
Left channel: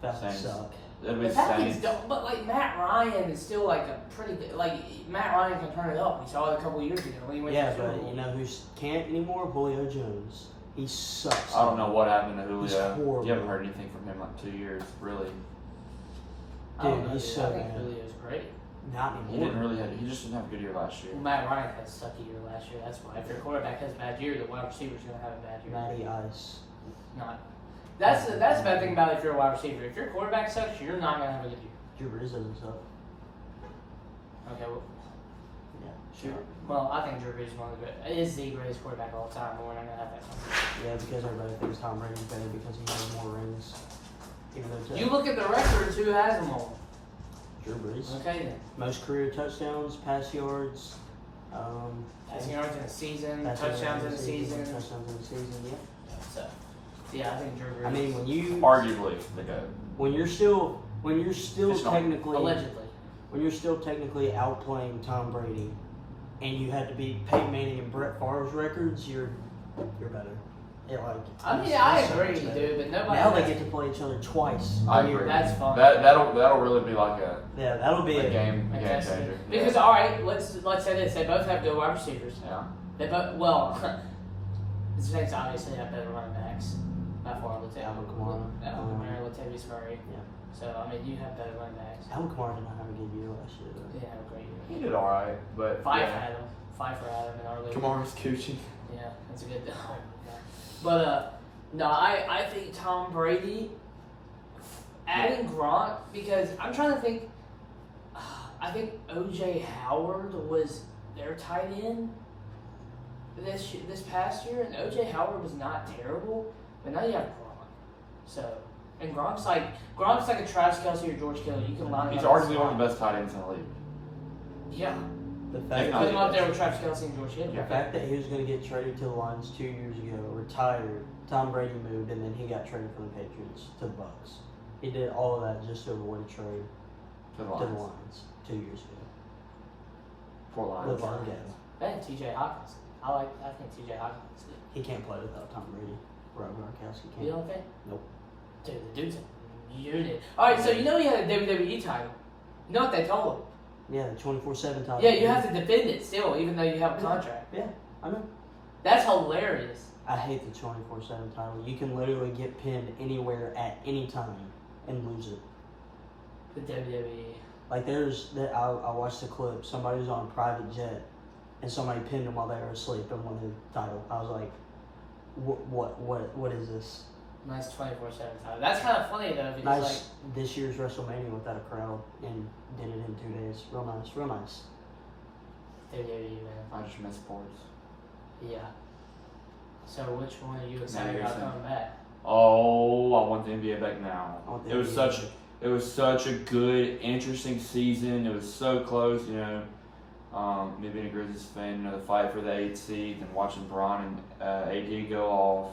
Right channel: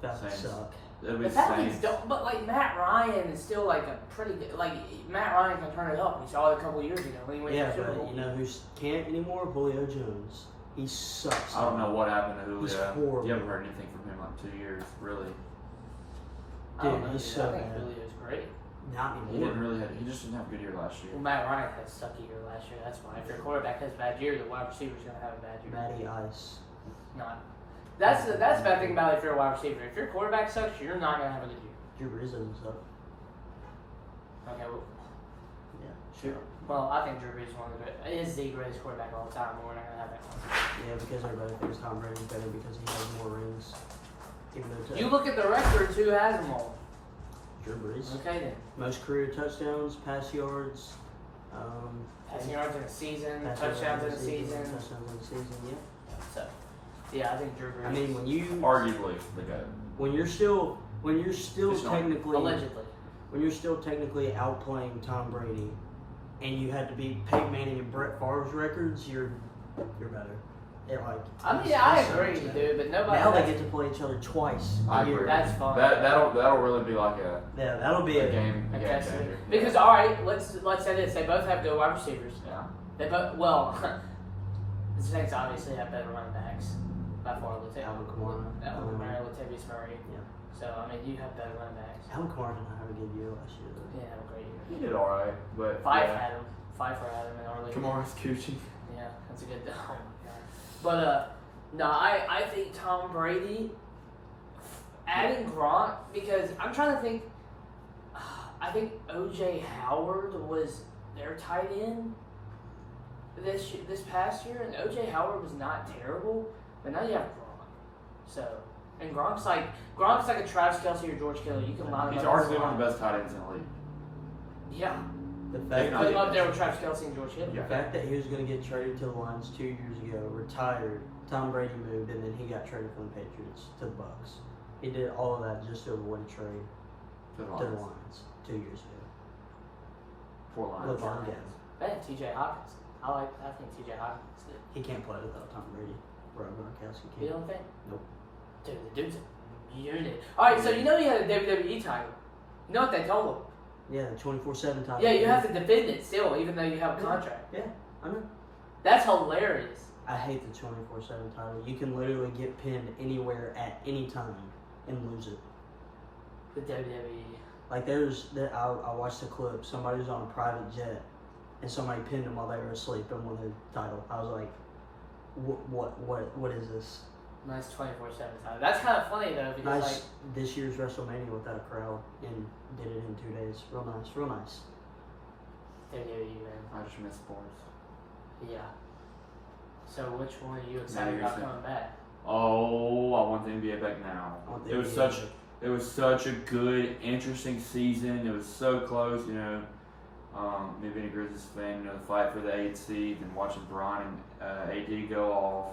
Falcons Saints. suck. It'll be The the Falcons Saints. don't, but Matt Ryan is still a pretty good. Matt Ryan can turn it up. We saw it a couple years ago when he went Yeah, to the Super but Bowl. you know who can't anymore? Julio Jones. He sucks. I don't know what happened to He's Julio. horrible. You haven't heard anything from him in 2 years, really. I don't Dude, know, he's dude. so I think bad. Julio's great. Not He anymore. didn't really have. He just didn't have a good year last year. Well, Matt Ryan had a sucky year last year. That's why. If your quarterback has a bad year, the wide receiver's gonna have a bad year. Matty Ice. Not. That's the bad thing about if you're a wide receiver. If your quarterback sucks, you're not gonna have a good year. Drew Brees doesn't suck. Okay. Well, Yeah. sure. Well, I think Drew Brees is the greatest quarterback of all time. But we're not gonna have that one. Yeah, because everybody thinks Tom Brady's better because he has more rings. Even though You look at the records. Who has them all? Drew Brees. Okay then. Most career touchdowns, pass yards, Passing yards in a season, pass yards touchdowns in a season. touchdowns in a season. Yeah. So, yeah, I think Drew Brees. I mean, when you Arguably the GOAT. when you're still It's not- technically allegedly. when you're still technically outplaying Tom Brady, and you had to beat Peyton Manning and Brett Favre's records, you're better. It like. I mean, it's I so agree, much better. dude, but nobody. Now they get to play each other twice I a year. agree. That's fine. That'll really be like a Yeah, that'll be game Okay, changer. because all right, let's say this: they both have good wide receivers. Yeah. They both the Saints obviously have better running backs by far. Alvin Kamara. Alvin Kamara, Latavius Murray. Yeah. So I mean, you have better running backs. Alvin Kamara did not have a good year last year. He didn't have a great He year. did all right, but Five had him. Five for Adam in our league. Kamara's Coochie. Yeah, that's a good. Oh my god. But no, I think Tom Brady adding Gronk because I'm trying to think. I think O.J. Howard was their tight end this past year, and O.J. Howard was not terrible, but now you have Gronk. So, and Gronk's like a Travis Kelce or George Kittle. You can line him He's up as arguably a one of the slot. best tight ends in the league. Yeah, The you fact put him up that, there with Travis Kelce and George Kittle. the fact that he was going to get traded to the Lions 2 years ago, retired, Tom Brady moved, and then he got traded from the Patriots to the Bucks. He did all of that just to avoid a trade To the to the Lions. Lions 2 years ago. Four Lions. LeBron Gay. And T.J. Hawkins. I think T.J. Hawkins is good. He can't play without Tom Brady. Rob Gronkowski You can't. don't think? Nope. Dude, the dude's a unit. Alright, so you know he had a WWE title. You know what they told him? Yeah, the 24/7 title. Yeah, you have to defend it still, even though you have a contract. Yeah, I know. That's hilarious. I hate the 24/7 title. You can literally get pinned anywhere at any time and lose it. The WWE. Like I watched the clip. Somebody was on a private jet, and somebody pinned them while they were asleep and won the title. I was like, what is this? Nice 24/7 title. That's kind of funny though, because Nice this year's WrestleMania without a crowd and did it in 2 days. Real nice, real nice. WWE, man. I just miss sports. Yeah. So which one are you excited about coming back? Oh, I want the NBA back now. I want the It was NBA such back. it was such a good, interesting season. It was so close, you know. Me being a Grizzlies fan, you know, the fight for the 8th seed and watching Bron and AD go off.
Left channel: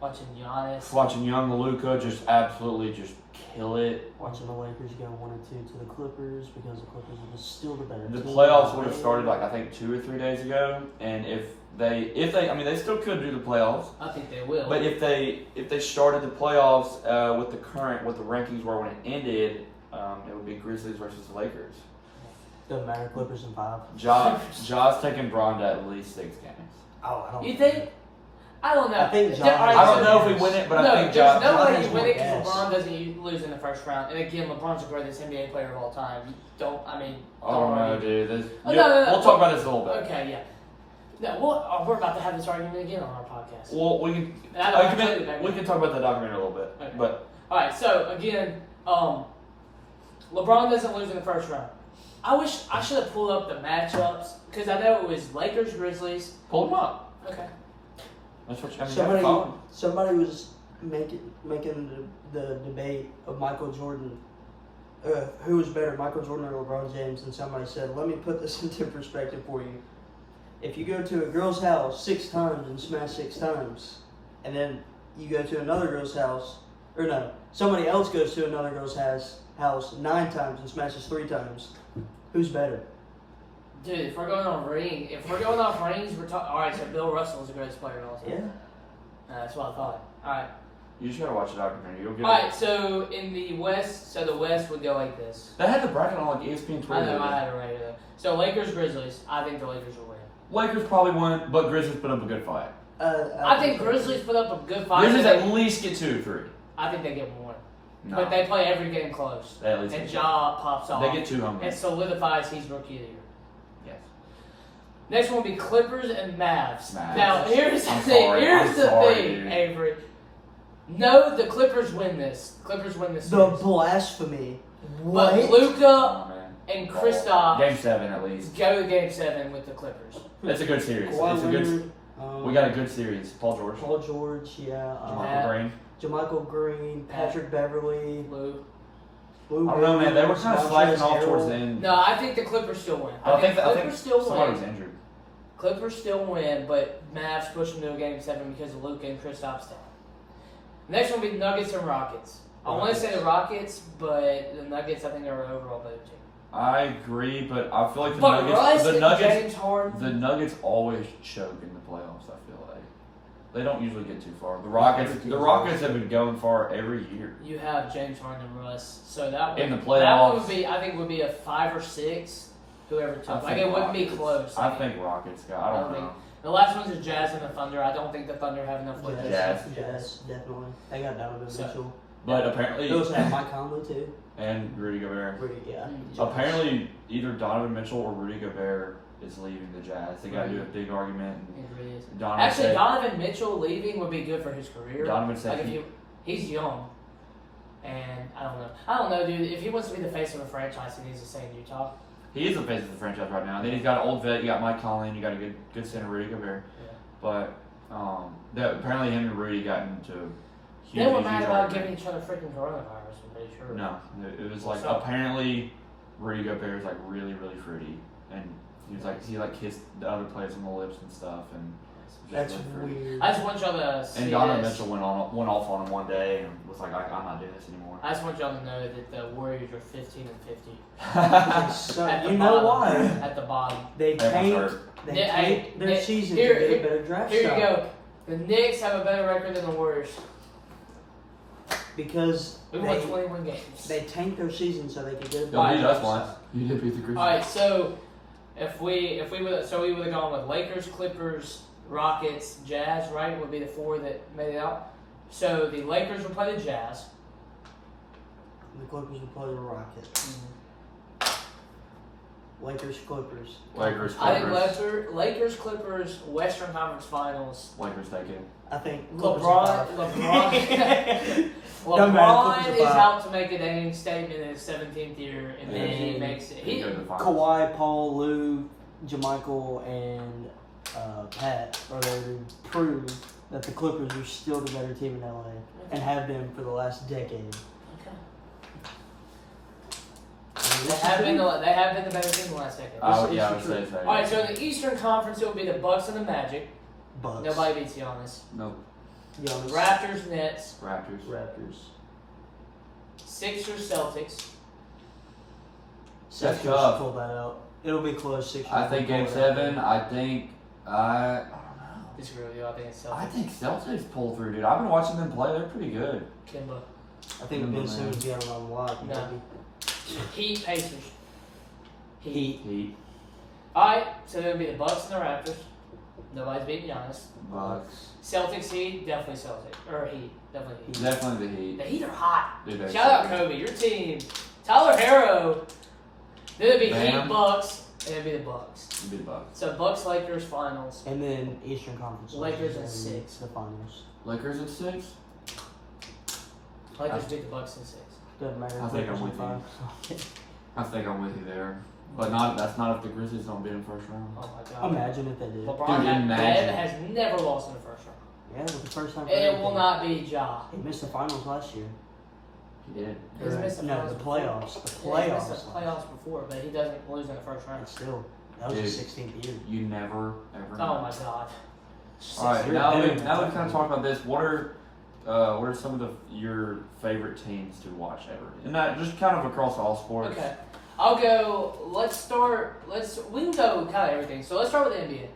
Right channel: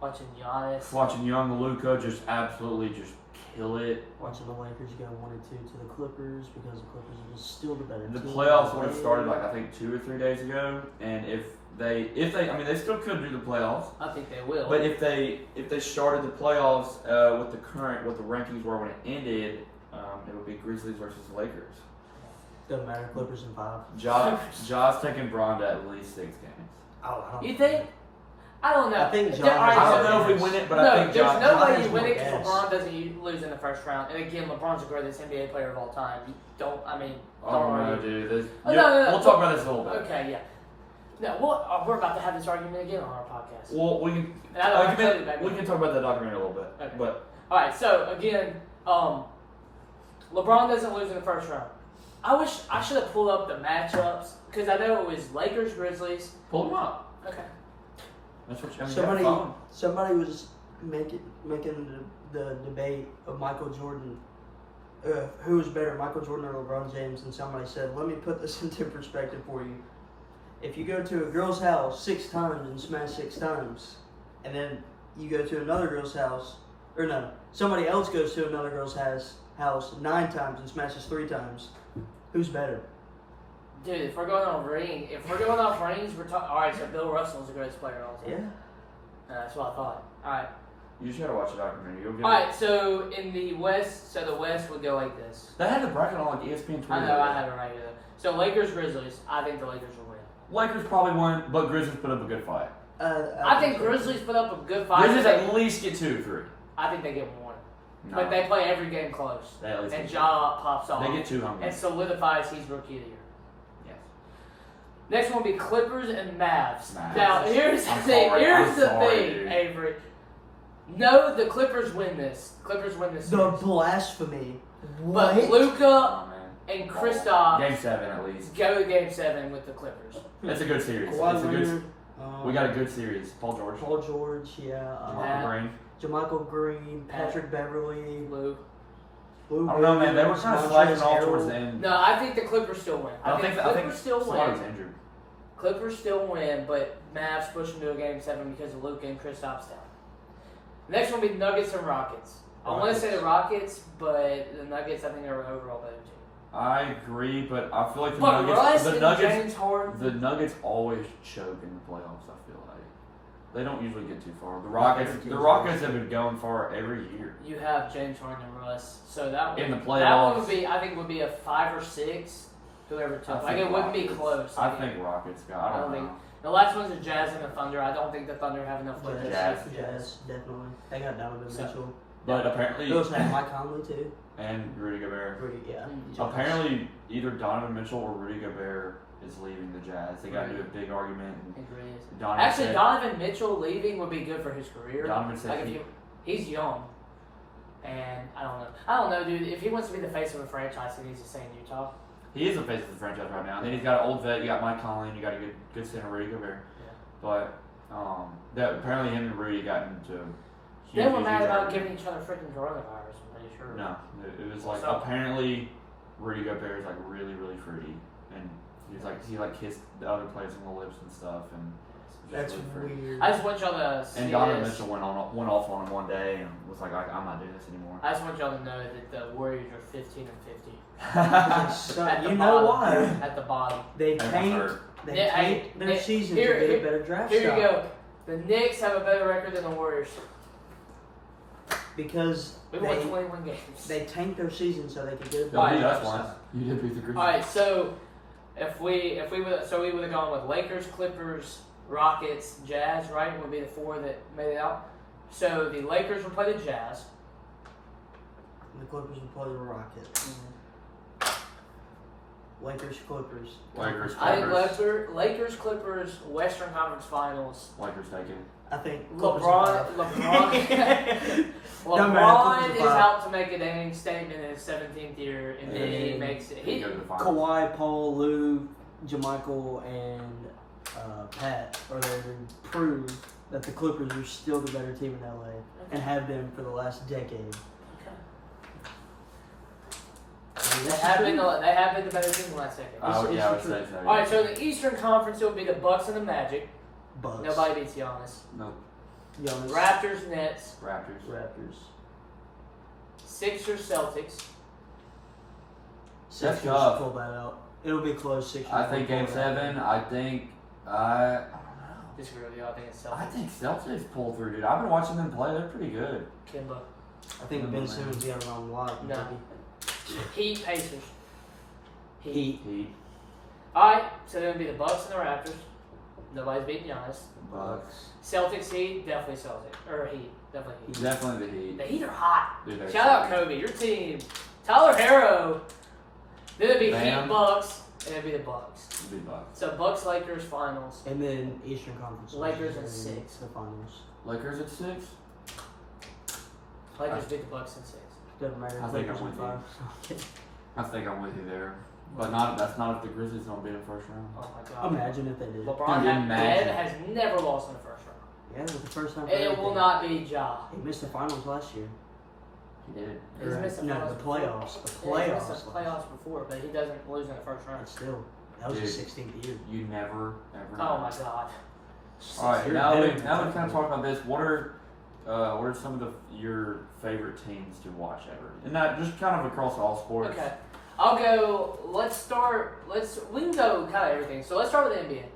Watching Giannis. Watching young Luka just absolutely just kill it. Watching the Lakers go 1-2 to the Clippers because the Clippers are just still the better The team. playoffs would have started like I think 2 or 3 days ago, and if they, I mean, they still could do the playoffs. I think they will. But if they started the playoffs with what the rankings were when it ended, it would be Grizzlies versus the Lakers. Doesn't matter. Clippers in 5. Ja's taking Bron to at least 6 games. Oh, I don't. You think? I don't know. I think There- all right, I don't so- know if we win it, but no, I think there's Ja. no Ja way has you win more it because gas. LeBron doesn't lose in the first round. And again, LeBron's the greatest NBA player of all time. You don't, I mean, Oh don't no, argue. dude. Oh, no. We'll talk about this a little bit. Okay, yeah. No, we're about to have this argument again on our podcast. Well, we can. And I don't have to back we then. can talk about that document in a little bit. Okay. But All right, so again, LeBron doesn't lose in the first round. I should have pulled up the matchups because I know it was Lakers, Grizzlies. pull them up. Okay. That's what you mean. Somebody was making the debate of Michael Jordan. Who was better, Michael Jordan or LeBron James? And somebody said, "Let me put this into perspective for you. If you go to a girl's house 6 times and smash 6 times, and then you go to another girl's house, or no, somebody else goes to another girl's house 9 times and smashes 3 times, who's better?" Dude, if we're going off rings, we're talking. All right, so Bill Russell is the greatest player of all time. Yeah. That's what I thought. All right. You just gotta watch the documentary. You'll get All it. right, so in the West, the West would go like this. They had the bracket on like ESPN Twitter. I know, I have it right here. So Lakers, Grizzlies. I think the Lakers will win. Lakers probably won, but Grizzlies put up a good fight. I think Grizzlies put up a good fight. Grizzlies but at least get 2 or 3. I think they get one. No. But they play every game close. They at least And get Ja pops off. They get 2 home And games. solidifies he's rookie of the year. Yes. Next one will be Clippers and Mavs. Mavs. Now, here's the I'm thing. sorry. Here's I'm the sorry, thing, dude. Avery. No, the Clippers win this. Clippers win this The series. blasphemy. But What? Luka Oh, man. and Kristaps Game 7 at least. go to Game 7 with the Clippers. It's a good series. Kawhi It's a good. Leonard, We got a good series. Paul George. Paul George, yeah. Michael Green. JaMychal Green, Patrick Beverly, Lou. Lou I don't know, man. They were Williams, kind of Montrezl slacking off Harrell. towards the end. No, I think the Clippers still win. I think Clippers still somebody's win. injured. Clippers still win, but Mavs push them to a Game 7 because of Luka and Kristaps down. Next one will be Nuggets and Rockets. I want to say the Rockets, but the Nuggets I think are overall better team. I agree, but I feel like But Russ the and Nuggets, James Harden. the Nuggets always choke in the playoffs. I feel like they don't usually get too far. The Rockets have been going far every year. You have James Harden and Russ, so that In the that playoffs. would be, I think, would be a 5 or 6. Whoever I took, like think it wouldn't be Rockets. close. I Like, think Rockets got. I don't know. the last one's the Jazz and the Thunder. I don't think the Thunder have enough with Jazz. Jazz, definitely. They got Donovan So- Mitchell. But apparently, They also have Mike Conley too. and Rudy Gobert. Pretty, yeah. Apparently, either Donovan Mitchell or Rudy Gobert is leaving the Jazz. They got into a big argument. And It really is. Donovan Actually, said, Donovan Mitchell leaving would be good for his career. Donovan said Like if he's young, and I don't know, dude. If he wants to be the face of a franchise, he needs to stay in Utah. he is the face of the franchise right now. And then he's got an old vet. You got Mike Conley, and you got a good center, Rudy Gobert. Yeah. But that apparently him and Rudy got into. They were huge mad about argument. giving each other freaking coronavirus. I'm pretty sure. No, it was like What's up? apparently Rudy Gobert is like really really fruity, and he kissed the other players on the lips and stuff, and That's really fruity. weird. I just want y'all to see And Donovan this. Mitchell went off on him one day and was like, I'm not doing this anymore. I just want y'all to know that the Warriors are 15 and 50. So, At the you know bottom. why? At the bottom. They Everyone's tanked. hurt. They Yeah, tanked their Nick, season here- to get here- a better draft Here stock. you go. The Knicks have a better record than the Warriors. Because We won 21 games. they tanked their season so they could get a better Don't beat draft us once. stock. You did beat the Grizzlies. All right, so we would have gone with Lakers, Clippers, Rockets, Jazz, right? Would be the 4 that made it out. So the Lakers would play the Jazz. The Clippers will play the Rockets. Lakers, Clippers. Lakers, I think Clippers. Lakers, Clippers, Western Conference Finals. Lakers take it. I think LeBron Clippers Doesn't matter, LeBron Clippers is are 5. out to make a dang statement in his 17th year, and then he And makes it. They go to the finals. Kawhi, Paul, Lou, JaMichael, and Pat are there to prove that the Clippers are still the better team in LA and have been for the last decade. They have been the better team the last decade. I would It's say true. so. All right, so the Eastern Conference it will be the Bucks and the Magic. Bucks. Nobody beats Giannis. Nope. Giannis. Raptors, Nets, Raptors. Sixers, Celtics. Sixers tough. pull that out. It'll be close. Sixers. I think will Game pull that out. 7. I don't know. Disagree with you. I think it's I Celtics. think Celtics pull through, dude. I've been watching them play. They're pretty good. Kimba. I think Ben Simmons got it on lock. No. Maybe. Heat, Pacers. Heat. All right, so it would be the Bucks and the Raptors. Nobody's beating Giannis. Bucks. Celtics, Heat, definitely Celtics. Or Heat, definitely Heat. Definitely the Heat. The Heat are hot. Dude, they're Shout out so Kobe, your team. Tyler Harrow. Then it'd be Bam. Heat, Bucks, and it'd be the Bucks. good. Big Bucks. So Bucks, Lakers, finals. And then Eastern Conference. Lakers and at 6. The finals. Lakers at 6. Lakers beat the Bucks in 6. Doesn't matter. I think Lakers I'm in with 5. I think I'm with you there. But that's not if the Grizzlies don't beat in the first round. Oh my god. Imagine if they did. LeBron Dude, imagine. has never lost in the first round. Yeah, it was the first time. For And it everything. will not be Ja. He missed the finals last year. He did. He's Or, missed the no, finals the before. playoffs. The Yeah, he playoffs. missed the playoffs before, but he doesn't lose in the first round. And still, that was his Dude. 16th year. You never, ever. Oh know. my god. All right, You're now better that than we kind of talked about this, what are some of your favorite teams to watch ever? And not just kind of across all sports. Okay. I'll go. We can go kind of everything. So let's start with the NBA.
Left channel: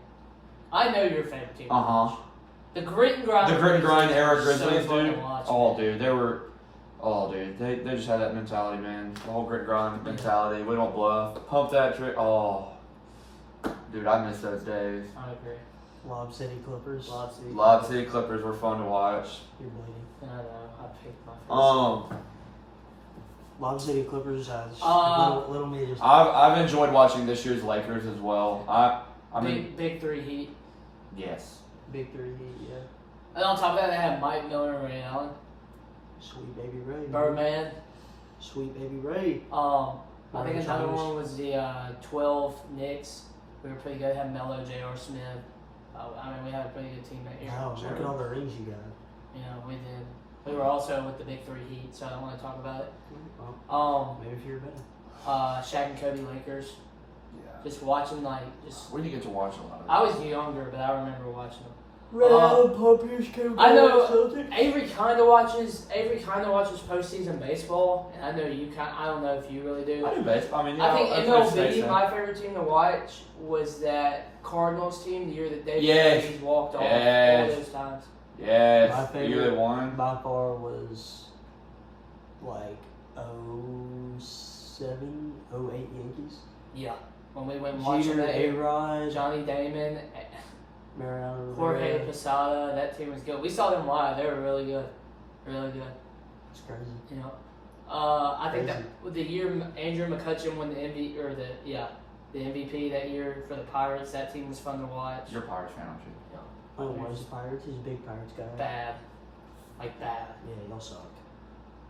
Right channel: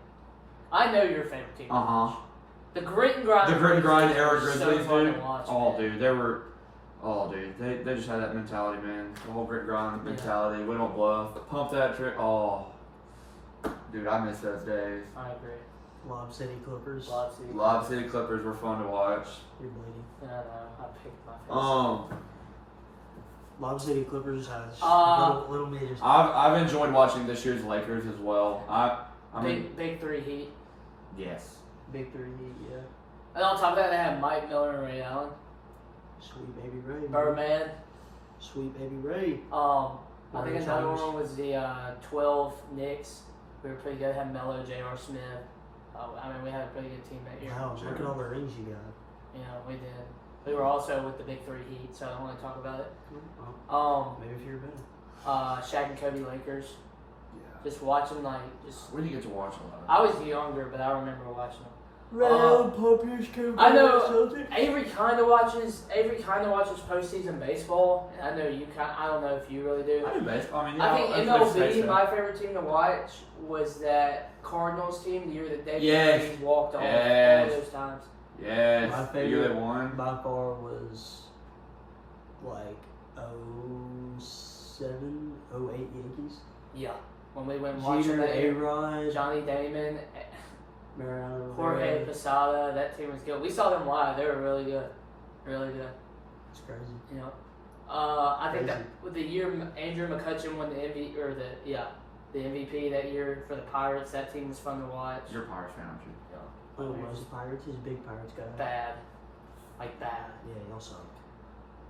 I know your favorite team. Uh huh. The grit and grind. The grit and grind era Grizzlies Grizzlies, so fun to dude. watch, Oh, man. dude, they just had that mentality, man. The whole grit and grind mentality. We don't bluff. Pump that trick. Oh, dude, I miss those days. I agree. Lob City Clippers. Lob City. Lob City Clippers were fun to watch. You're bleeding. I know. I picked my face. Lob City Clippers has little meters. I've enjoyed watching this year's Lakers as well. I mean, Big three Heat. yes. Big 3 Heat, yeah. And on top of that, they have Mike Miller and Ray Allen. Sweet baby Ray. man. Birdman. Sweet baby Ray. I think Ray another Chalmers. one was the 12 Knicks. We were pretty good. Had Melo, J.R. Smith. We had a pretty good team that year. Wow, look at all the rings you got. Yeah, we did. We were also with the Big Three Heat, so I don't want to talk about it. Well, maybe if you're better. Shaq and Kobe Lakers. Yeah. Just watching We didn't get to watch a lot of I was younger, but I remember watching them. I know Avery kind of watches postseason baseball, and I know you kind. I don't know if you really do. I do baseball. I mean, I think that's what it MLB, says, my favorite team to watch was that Cardinals team the year that David Yes. Freese walked off Yes. all those times. Yes. My The year they favorite won. by far was like 07, 08 Yankees. Yeah, when we went watching Jeter, that, A-Rod, Johnny Damon, Mariano Jorge Rivera. Posada, that team was good. We saw them live; they were really good, really good. It's crazy. You know, I think that Crazy. with the year Andrew McCutcheon won the MVP that year for the Pirates. That team was fun to watch. You're a Pirates fan, aren't you? Oh, where's the Pirates? He's a big Pirates guy. Bad, like bad. Yeah, y'all suck.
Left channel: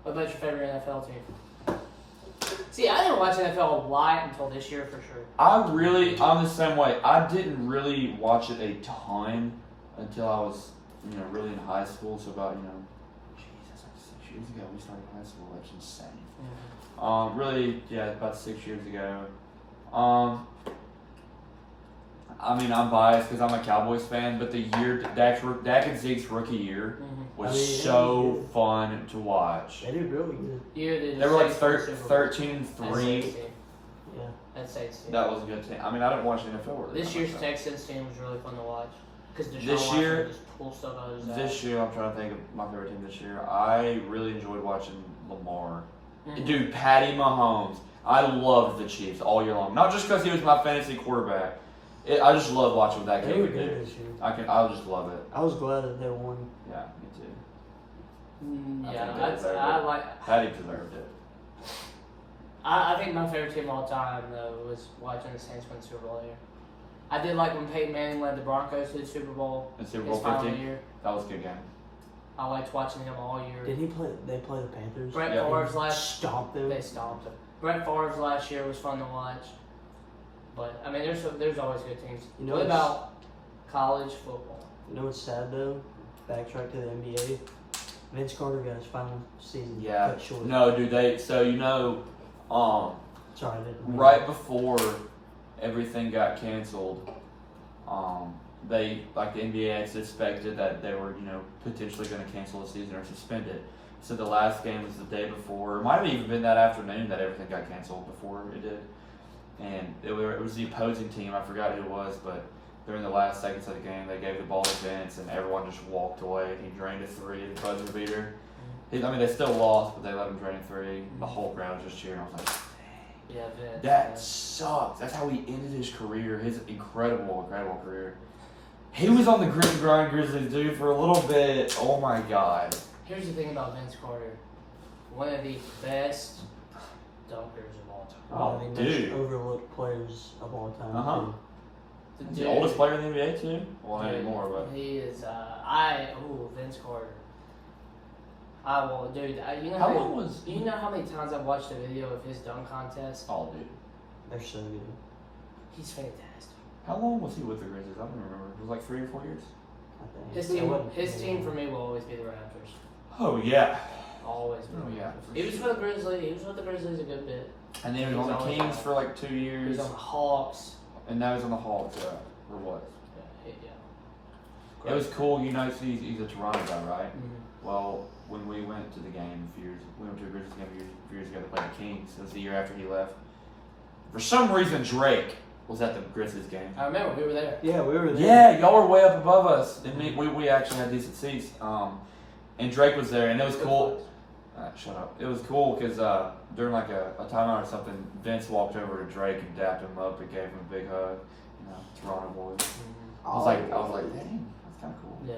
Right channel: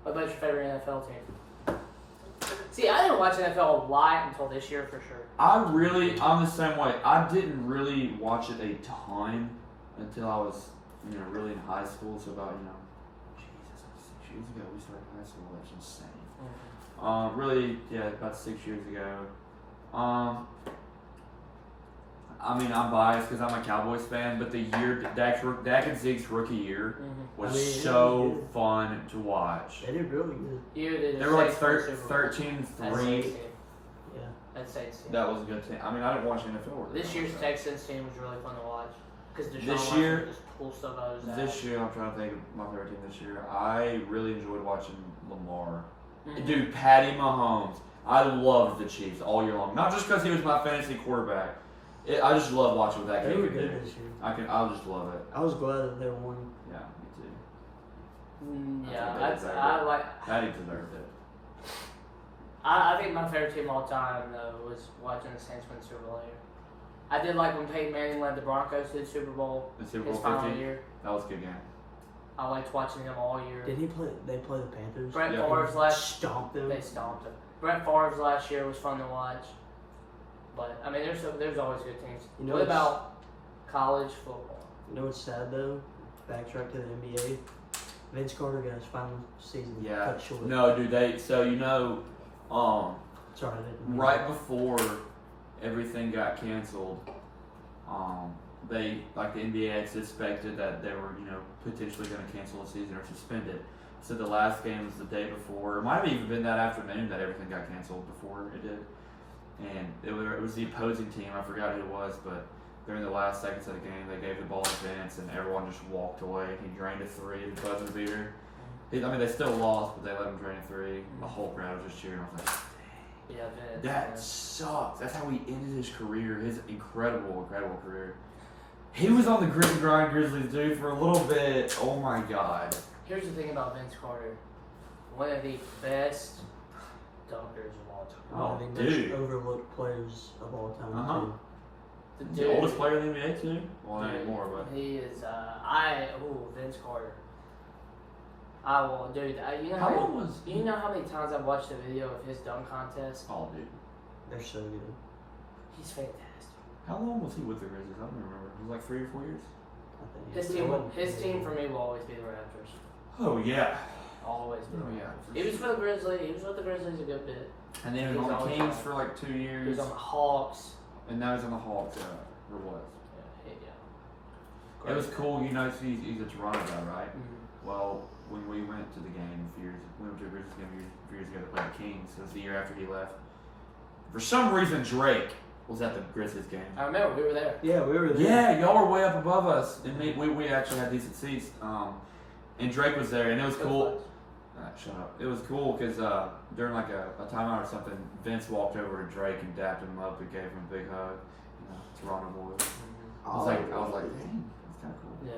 What about your favorite NFL team? See, I didn't watch NFL a lot until this year for sure. I'm the same way. I didn't really watch it a ton until I was, really in high school. So about, that's like 6 years ago we started high school. That's insane. Really, yeah, about 6 years ago. I mean, I'm biased because I'm a Cowboys fan, but the year Dak and Zeke's rookie year was yeah, fun to watch. They did really good. They They were like 13-3. 13-3. Yeah. That's Saints team. That was a good team. I mean, I didn't watch the NFL. This year's Texans team was really fun to watch because This year- just pull stuff out of his This year, I'm trying to think of my favorite team this year. I really enjoyed watching Lamar. Dude, Patty Mahomes. I loved the Chiefs all year long. Not just because he was my fantasy quarterback. I just love watching what that They kid were could do. good this year. I just love it. I was glad that they won. Yeah, me too. Yeah, I think they I like. Patty deserved it. I think my favorite team of all time though was watching the Saints win the Super Bowl here. I did like when Peyton Manning led the Broncos to the Super Bowl. The Super His Bowl final 15. year. That was a good game. I liked watching him all year. Did he play? They play the Panthers. Brett Yeah. Favre's last. Stomped them. They stomped him. Brett Favre's last year was fun to watch. But I mean, there's always good teams. You know what what's- about college football? You know what's sad though? Backtrack to the NBA. Vince Carter got his final season Yeah. cut short. No, dude. Sorry, I didn't mean Right that. before everything got canceled, the NBA had suspected that they were, potentially going to cancel the season or suspend it. So the last game was the day before. It might have even been that afternoon that everything got canceled before it did. And it was the opposing team. I forgot who it was, but during the last seconds of the game, they gave the ball to Vince, and everyone just walked away. And he drained a three, the buzzer beater. They still lost, but they let him drain a three. The whole crowd was just cheering. I was like, Yeah, Vince. that sucks. That's how he ended his career, his incredible career. He was on the Grit and Grind Grizzlies, dude, for a little bit. Oh my God. Here's the thing about Vince Carter. One of the best dunkers of all time. One of the dude. most overlooked players of all time. Uh-huh. Too. He's the oldest player in the NBA, too? Well, not anymore, but. He is, Vince Carter. You know How long was. you know how many times I've watched a video of his dunk contest? Oh, dude. They're so good. He's fantastic. How long was he with the Grizzlies? I don't remember. It was like 3 or 4 years? I think. His team for me will always be the Raptors. Oh, yeah. Always be the Oh, Raptors. yeah, for He was sure. with the Grizzlies. He was with the Grizzlies a good bit. And then he was He's on the always Kings on. for like 2 He years. was on the Hawks. And now he's on the Hawks, or was. Yeah. It was cool, he's a Toronto guy, right? Mhm. Well, when we went to the game we went to a Grizzlies game a few years ago to play the Kings. It was the year after he left. For some reason, Drake was at the Grizzlies game. I remember we were there. Yeah, we were there. Yeah, y'all were way up above us. And we actually had decent seats. And Drake was there, and it was cool. Shut up. It was cool because during like a timeout or something, Vince walked over to Drake and dapped him up and gave him a big hug. Toronto boys. I was like, dang, that's kind of cool. Yeah.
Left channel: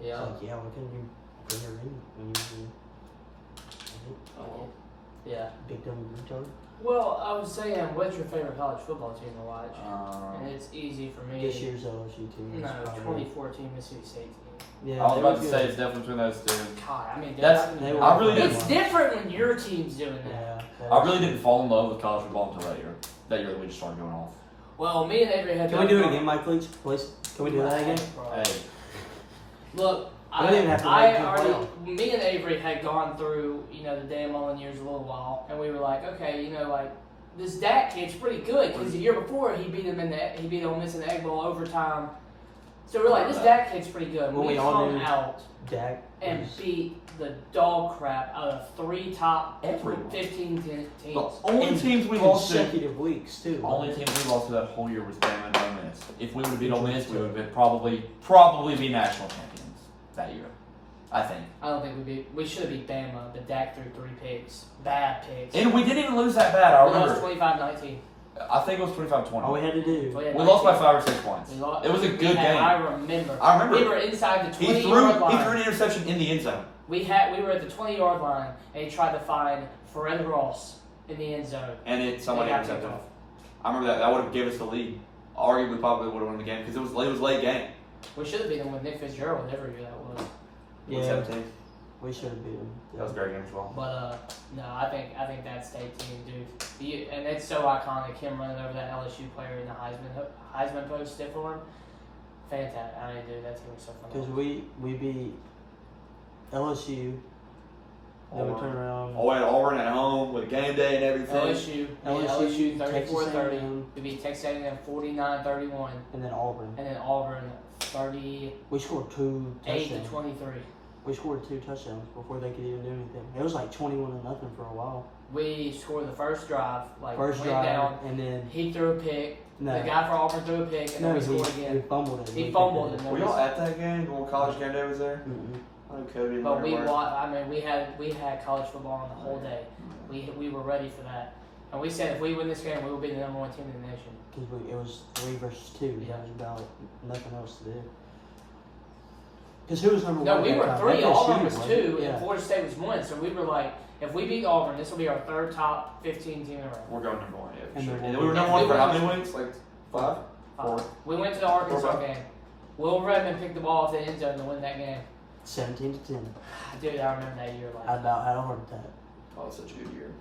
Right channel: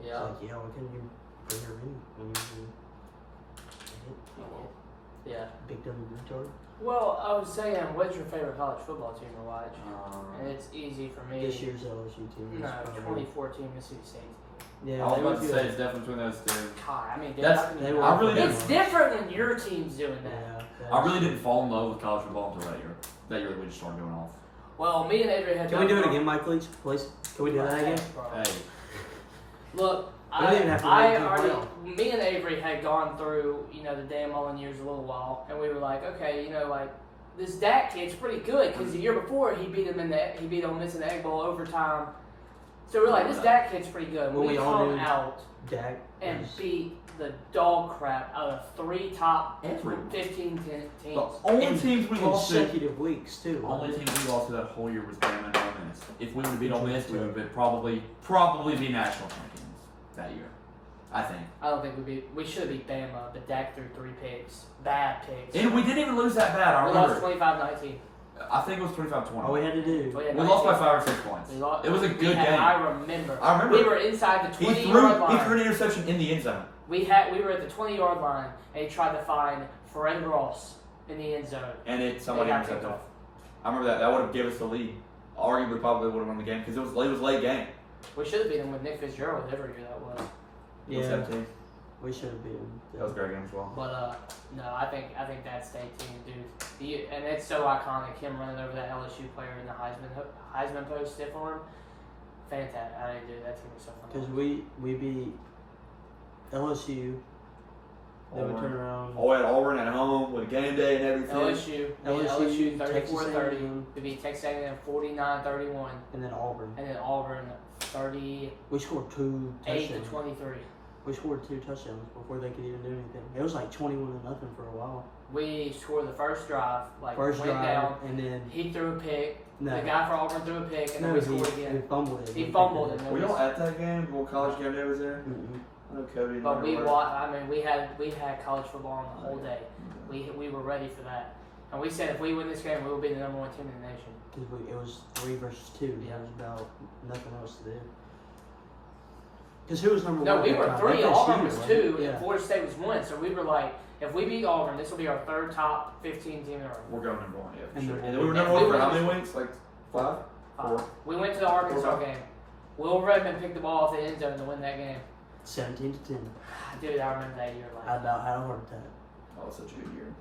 It's Yeah. like, why couldn't you bring your ring when you Yeah. big dumb retard? Well, I was saying, what's your favorite college football team to watch? And Um, it's easy for me. This year's LSU team. is No, probably- 2014 Mississippi State team. Yeah, I was they about were to good. say it's definitely between those two. God, I mean, They were I really good. it's different when your team's doing that. Yeah, I really didn't fall in love with college football until that year. That year that we just started going off. Well, me and Avery had. Can we do it again, Mike, please? Can we do that again? Hey, Look, We don't even have to wait till the playoff. me and Avery had gone through, the Dan Mullen years a little while, and we were like, okay, this Dak kid's pretty good because the year before he beat Ole Miss in the Egg Bowl overtime, So we're like, this Dak kid's pretty good. Well, We we all come knew out Dak and was- beat the dog crap out of 3 top Everyone. 15 teams. The only in teams we lost to, consecutive weeks too. the only wasn't teams we lost to that whole year was Bama and Ole Miss. If we would have beat Ole Miss, we True. would have been probably be national champions that year. I think. I don't think we should have beat Bama, but Dak threw 3 picks. Bad picks. And we didn't even lose that bad. I We lost remember. 25-19. I think it was 25-20. it? All we had to do. We had We lost by 19. 5 or 6 points. We lost- It was a we good had- game. I remember. I remember. We were inside the He 20-yard line. threw an interception in the end zone. We were at the 20-yard line, and he tried to find Fred Ross in the end zone. And somebody They got kicked intercepted. off. I remember that. That would have given us the lead. Arguably, probably would have won the game because it was late game. We should have beat him with Nick Fitzgerald, whatever year that was. Yeah, 17. we should have beat them. That was a great game as well. But no, I think that state team, dude, and it's so iconic. Him running over that LSU player in the Heisman post stiff arm, fantastic. I mean, dude, that team was so fun. Because we beat LSU. Then we turn around. Oh, we had Auburn at home with game day and everything. LSU Texas 34-30. A&M. We beat Texas A&M 49-31, And then Auburn. and then Auburn 38 We scored 2 to touchdowns. 23. We scored 2 touchdowns before they could even do anything. It was like 21-0 for a while. We scored the first drive, First went drive, down. and then He threw a pick. no, The guy for Auburn threw a pick, and then no, we scored he again. fumbled it. He We fumbled picked it. Were y'all at that game? When college game day was there? Mm-mm. I know Cody and But Leonard were. I mean, we had college football on the whole day. We were ready for that, and we said if we win this game, we will be the number 1 team in the nation. Because it was 3 versus 2. Yeah. There was about nothing else to do. Because who was number 1? No, we at were that 3. time? Auburn was wasn't it? 2, Yeah. and Florida State was 1. So we were like, if we beat Auburn, this will be our 3rd top 15 team in a row. We're going number 1, yeah. For And sure. then And we'll we were be- number If 1 we for how win- many weeks? Like 5? 4? We went to the Arkansas 4. game. Will Redmond picked the ball off the end zone to win that game. 17-10. Dude, I remember that year. I about had a heart attack. Oh, such a good year.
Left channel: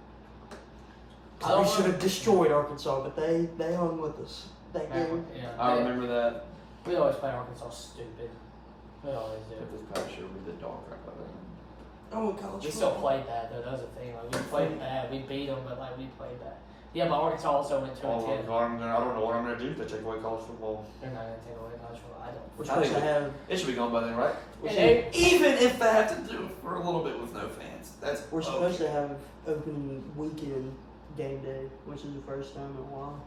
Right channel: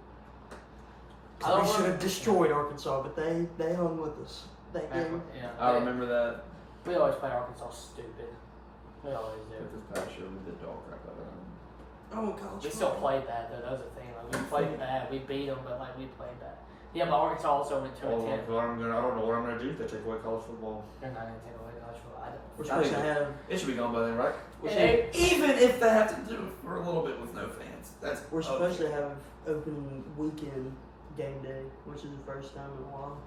I don't We should remember- have destroyed Arkansas, but they hung with us that game. Yeah, I remember that. we always play Arkansas stupid. We always do. But this past year, we did dog crap out of them. Oh, college We still football. played bad though. That was the thing. Like we played bad. We beat them, but like we played bad. Yeah, but Arkansas also went 2-10. I don't know what I'm going to do if they take away college football. They're not gonna take away college football. I don't. We're I supposed think to have. It should be gone by then, right? We're, Hey, Even if they have to do it for a little bit with no fans. we're supposed to have opening weekend game day, which is the first time in a while.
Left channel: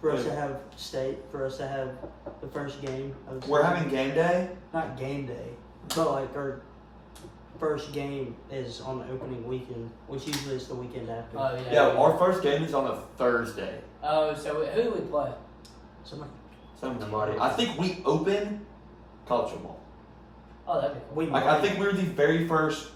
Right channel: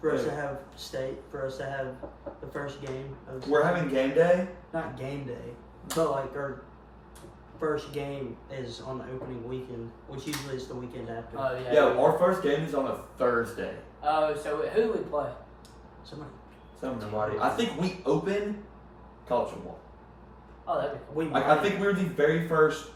For us to have state, for us to have the first game. Of We're having game day? not game day, but like our first game is on the opening weekend, which usually is the weekend after. Oh yeah. Yeah, our first game is on a Thursday. Oh, so who do we play? Somebody, Somebody. I think we open college football. Oh, that'd be cool. I think we're the very first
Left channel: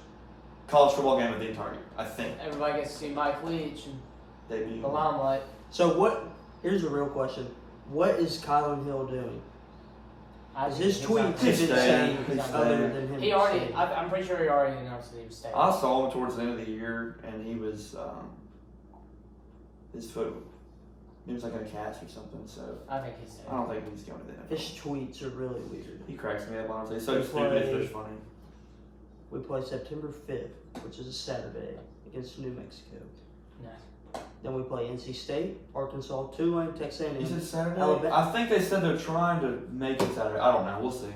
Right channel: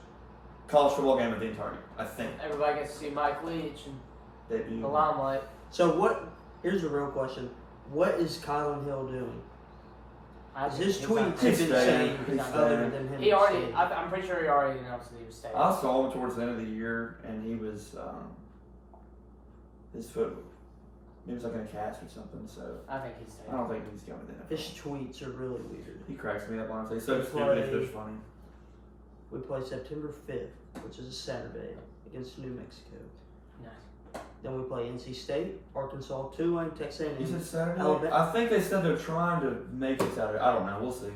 college football game of the entire year. I think. Everybody gets to see Mike Leach and Debut. the limelight. So what? Here's a real question: what is Kylan Hill doing? I Is think his he's tweets not- He's didn't say staying. anything He's other staying. than him? He already. staying. I'm pretty sure he already announced that he was staying. I saw him towards the end of the year, and he was his foot. He was like in a cast or something. So I think he's staying. I don't think he's going to the His NFL. tweets are really weird. He cracks me up honestly. So They stupid if play- they're funny. We play September 5th, which is a Saturday, against New Mexico. Nice. Then we play NC State, Arkansas, Tulane, Texas You said A&M. Saturday? Alabama. I think they said they're trying to make it Saturday. I don't know. We'll see.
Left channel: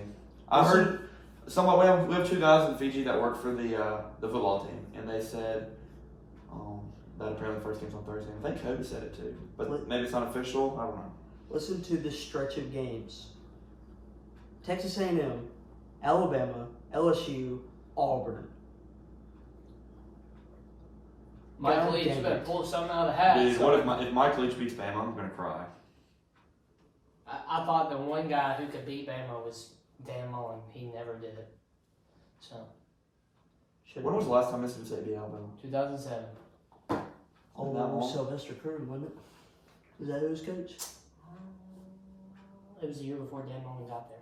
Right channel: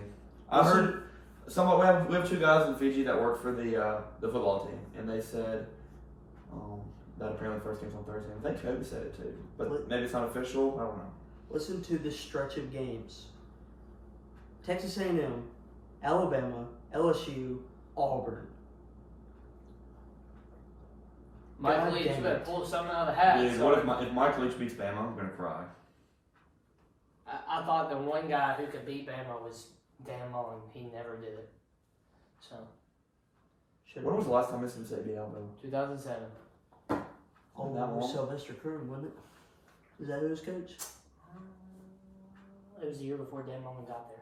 I heard we have 2 guys in Fiji that work for the football team, and they said that apparently the first game's on Thursday. I think Cody said it too, but maybe it's not official. I don't know. Listen to this stretch of games: Texas A&M, Alabama, LSU, Auburn. Mike God Leach, damn you better it. pull something out of the hat. Dude, so- what if Mike Leach beats Bama? I'm gonna cry. I thought the one guy who could beat Bama was Dan Mullen. He never did it. So, When was the last time Mississippi State beat Alabama? 2007. That long? Sylvester Croom, wasn't it? Is that who was coach? It was the year before Dan Mullen got there.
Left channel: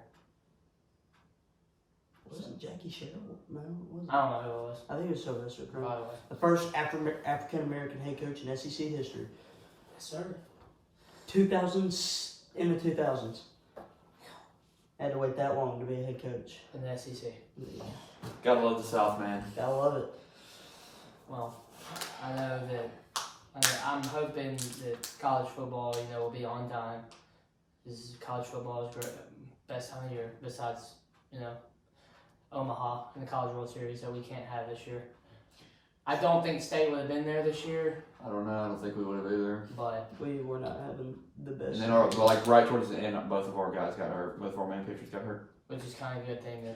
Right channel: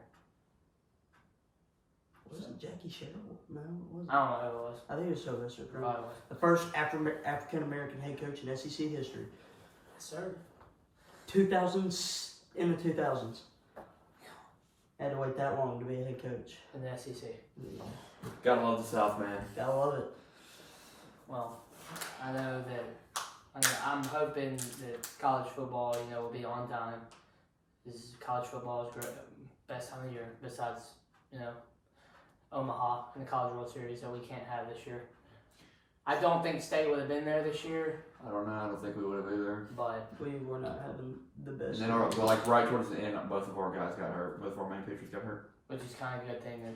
Was it Jackie Sherrill? No, it wasn't. I don't know who it was. I think it was Sylvester Croom. Probably was. The first African American head coach in SEC history. Yes, sir. 2000s, in the 2000s. Had to wait that long to be a head coach. In the SEC. Yeah. Gotta love the South, man. Gotta love it. Well, I know that I'm hoping that college football, will be on time. College football is best time of year besides, Omaha in the College World Series that we can't have this year. I don't think State would have been there this year, I don't know. I don't think we would have either. but We were not having the best. And then right towards the end, both of our guys got hurt. Both of our main pitchers got hurt. which is kind of a good thing.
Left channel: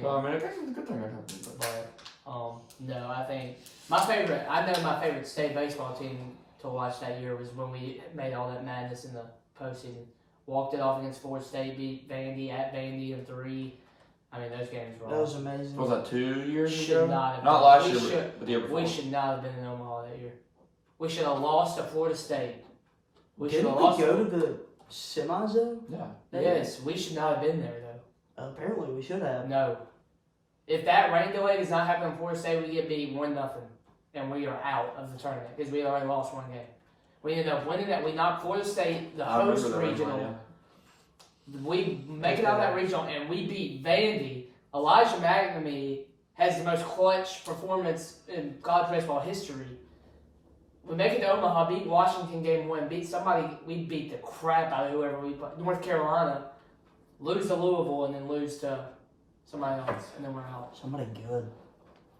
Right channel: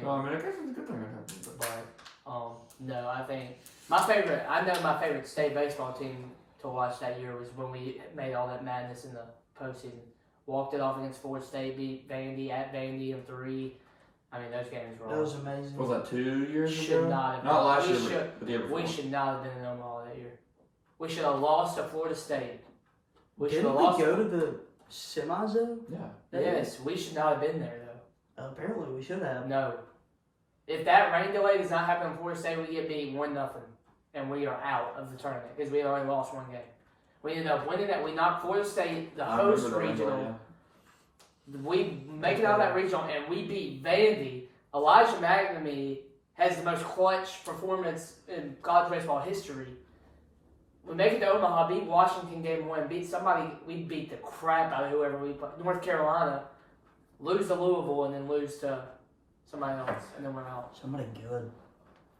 So I guess it's a good thing that happened. But no, I think my favorite state baseball team to watch that year was when we made all that madness in the postseason. Walked it off against Ford State, beat Vandy at Vandy in 3. I mean, those games were That was amazing. What was that 2 years should ago? not have Not been- last we year, should- but the year before. We should not have been in Omaha that year. We should have lost to Florida State. We should Didn't have we lost. go to the semis though? Yeah. Yes, we should not have been there though. Apparently we should have. No. If that rain delay does not happen in Florida State, we get beat 1-0, and we are out of the tournament because we had already lost 1 game. We ended up winning that. We knocked Florida State, the I remember host that one, regional. yeah. We make it out of that regional, and we beat Vandy. Elijah McNamee has the most clutch performance in college baseball history. We make it to Omaha, beat Washington game 1, beat somebody. We beat the crap out of whoever we played. North Carolina, lose to Louisville, and then lose to somebody else, and then we're out. Somebody good.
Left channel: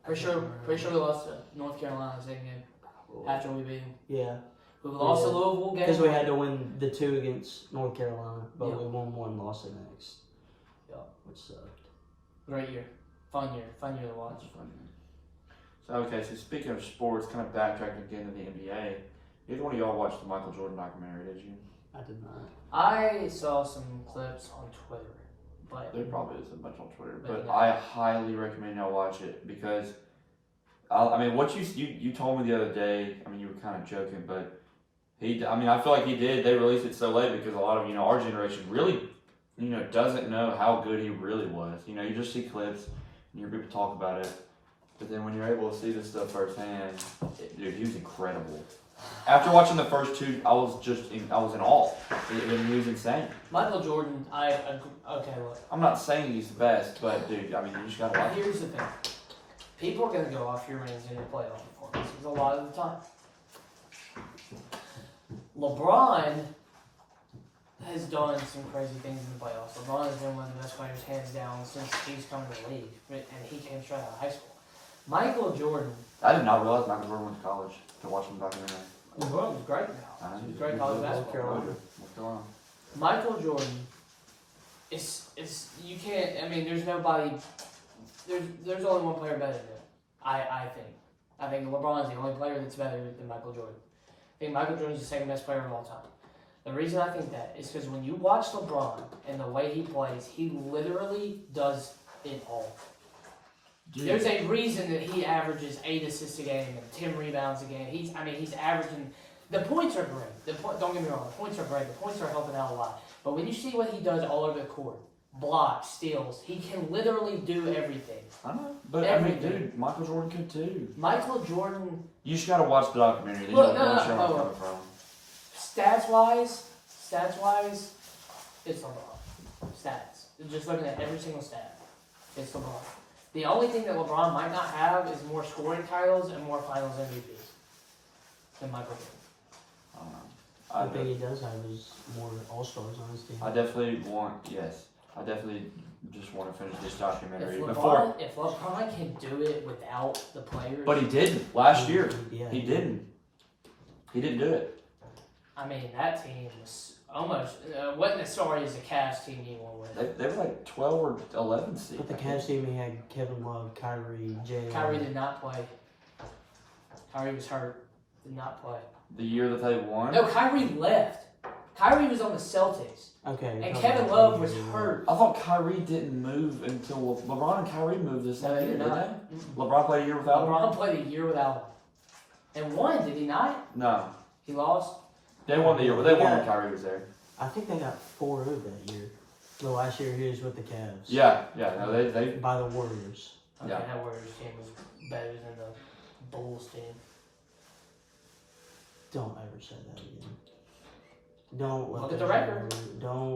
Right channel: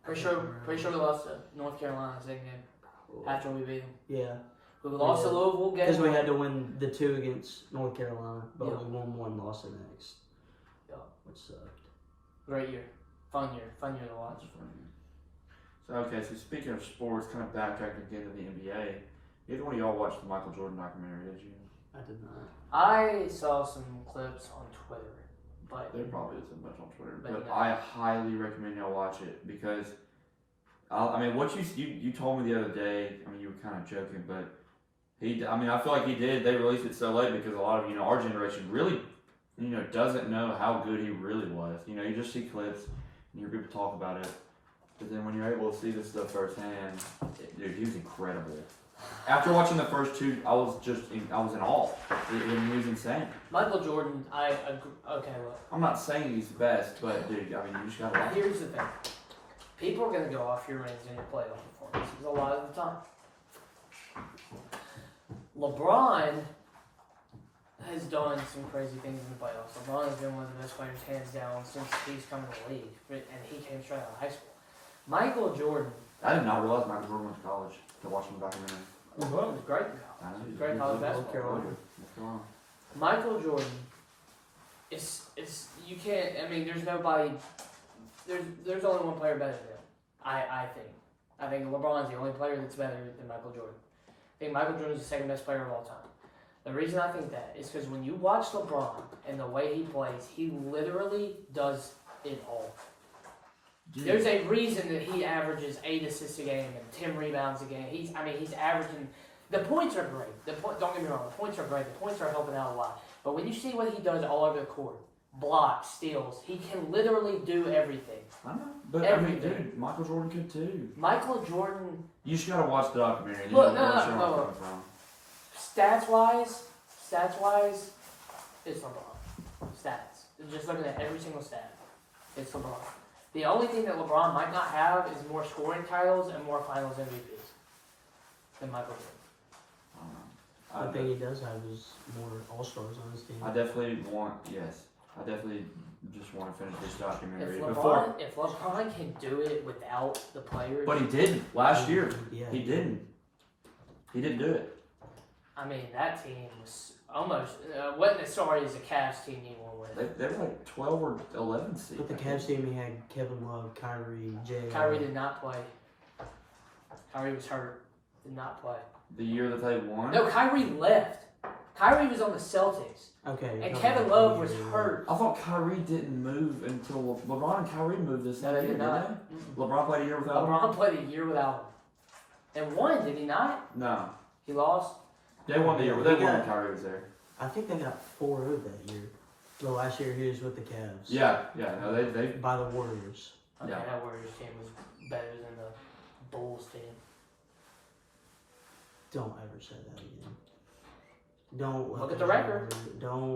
Pretty sure we lost to North Carolina the same game after we beat them. Yeah. We lost to Yeah. Louisville game. Because we had to win the 2 against North Carolina, but Yeah. we won 1, lost the next. Yeah. Which sucked. Great year, fun year to watch. So okay, so speaking of sports, kind of backtracking again to the NBA. Neither one of y'all watched the Michael Jordan documentary, did you? I did not. I saw some clips on Twitter, but There probably isn't much on Twitter, But but no. I highly recommend y'all watch it because, what you told me the other day. I mean, you were kind of joking, but I feel like he did. They released it so late because a lot of our generation really, doesn't know how good he really was. You just see clips and you hear people talk about it, but then when you're able to see this stuff firsthand, dude, he was incredible. After watching the first 2, I was in awe. He was insane. Michael Jordan, I agree. Okay, look. I'm not saying he's the best, but dude, you just gotta watch it. Here's the thing. People are going to go off your rings in your playoff performances a lot of the time. LeBron has done some crazy things in the playoffs. LeBron has been one of the best players, hands down, since he's come to the league, and he came straight out of high school. Michael Jordan. I did not realize Michael Jordan went to college to watch him documentary. LeBron was great in college. He was great in college basketball. What's going on? Michael Jordan is you can't. I mean, there's nobody. There's only one player better than him. I think. I think LeBron's the only player that's better than Michael Jordan. I think Michael Jordan's the second best player of all time. The reason I think that is because when you watch LeBron and the way he plays, he literally does it all. Dude. There's a reason that he averages 8 assists a game and 10 rebounds a game. He's averaging. The points are great. Don't get me wrong. The points are great. The points are helping out a lot. But when you see what he does all over the court, blocks, steals, he can literally do everything. I know, but Everything. dude, Michael Jordan could too. Michael Jordan, You just gotta watch the documentary. And Look, you'll no, understand where I'm no. coming from. stats wise, it's LeBron. Stats. Just looking at every single stat, it's LeBron. The only thing that LeBron might not have is more scoring titles and more Finals MVPs than Michael Jordan. I don't know. I think he does have his more All-Stars on his team. I definitely just want to finish this documentary If before. LeBron can do it without the players, But he didn't last year. Yeah, He didn't. He didn't do it. I mean, that team was almost wasn't as sorry as the Cavs team he won with. They were like 12 or 11 seed. But the Cavs team, he had Kevin Love, Kyrie, Jay. Kyrie did not play. Kyrie was hurt. Did not play. The year that they won. No, Kyrie left. Kyrie was on the Celtics. Okay. And no, Kevin no, Love was yeah. hurt. I thought Kyrie didn't move until LeBron and Kyrie moved this No, year, they did didn't not. they? LeBron played a year without him? LeBron played a year without him. And won, did he not? No. He lost? They won the year. They won when Kyrie was there. I think they got 4-0 that year. The last year he was with the Cavs. Yeah. No, they. By the Warriors. Okay, Yeah. that Warriors team was better than the Bulls team. Don't ever say that again. Don't let Look at those the record. words-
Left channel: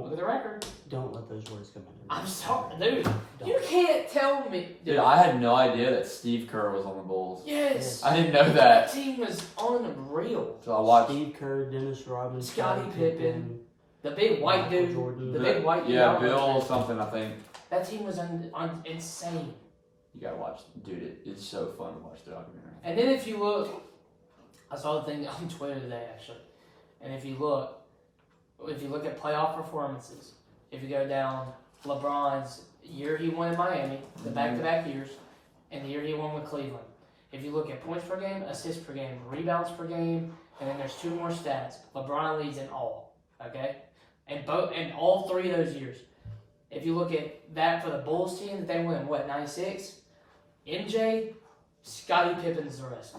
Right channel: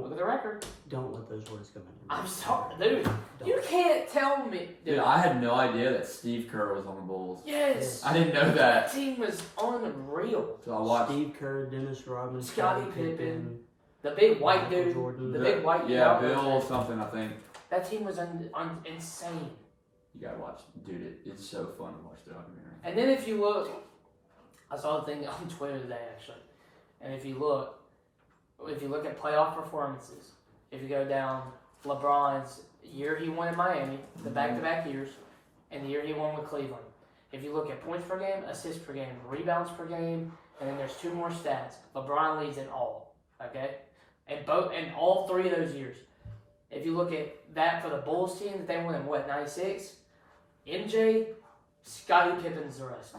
Look at the record. Don't let those words come in. I'm sorry, dude. You can't tell me. Dude, I had no idea that Steve Kerr was on the Bulls. Yes. I didn't know That that. team was unreal. So I watched. Steve Kerr, Dennis Rodman, Scottie Pippen. The big white Michael dude. Jordan. The big white dude. Yeah, Bill something, I think. That team was insane. You gotta watch, dude. It's so fun to watch the documentary. And then if you look, I saw a thing on Twitter today actually, and if you look at playoff performances, if you go down LeBron's year he won in Miami, the back-to-back years, and the year he won with Cleveland. If you look at points per game, assists per game, rebounds per game, and then there's two more stats. LeBron leads in all, okay? And all three of those years. If you look at that for the Bulls team that they won in 96, MJ, Scottie Pippen's the rest.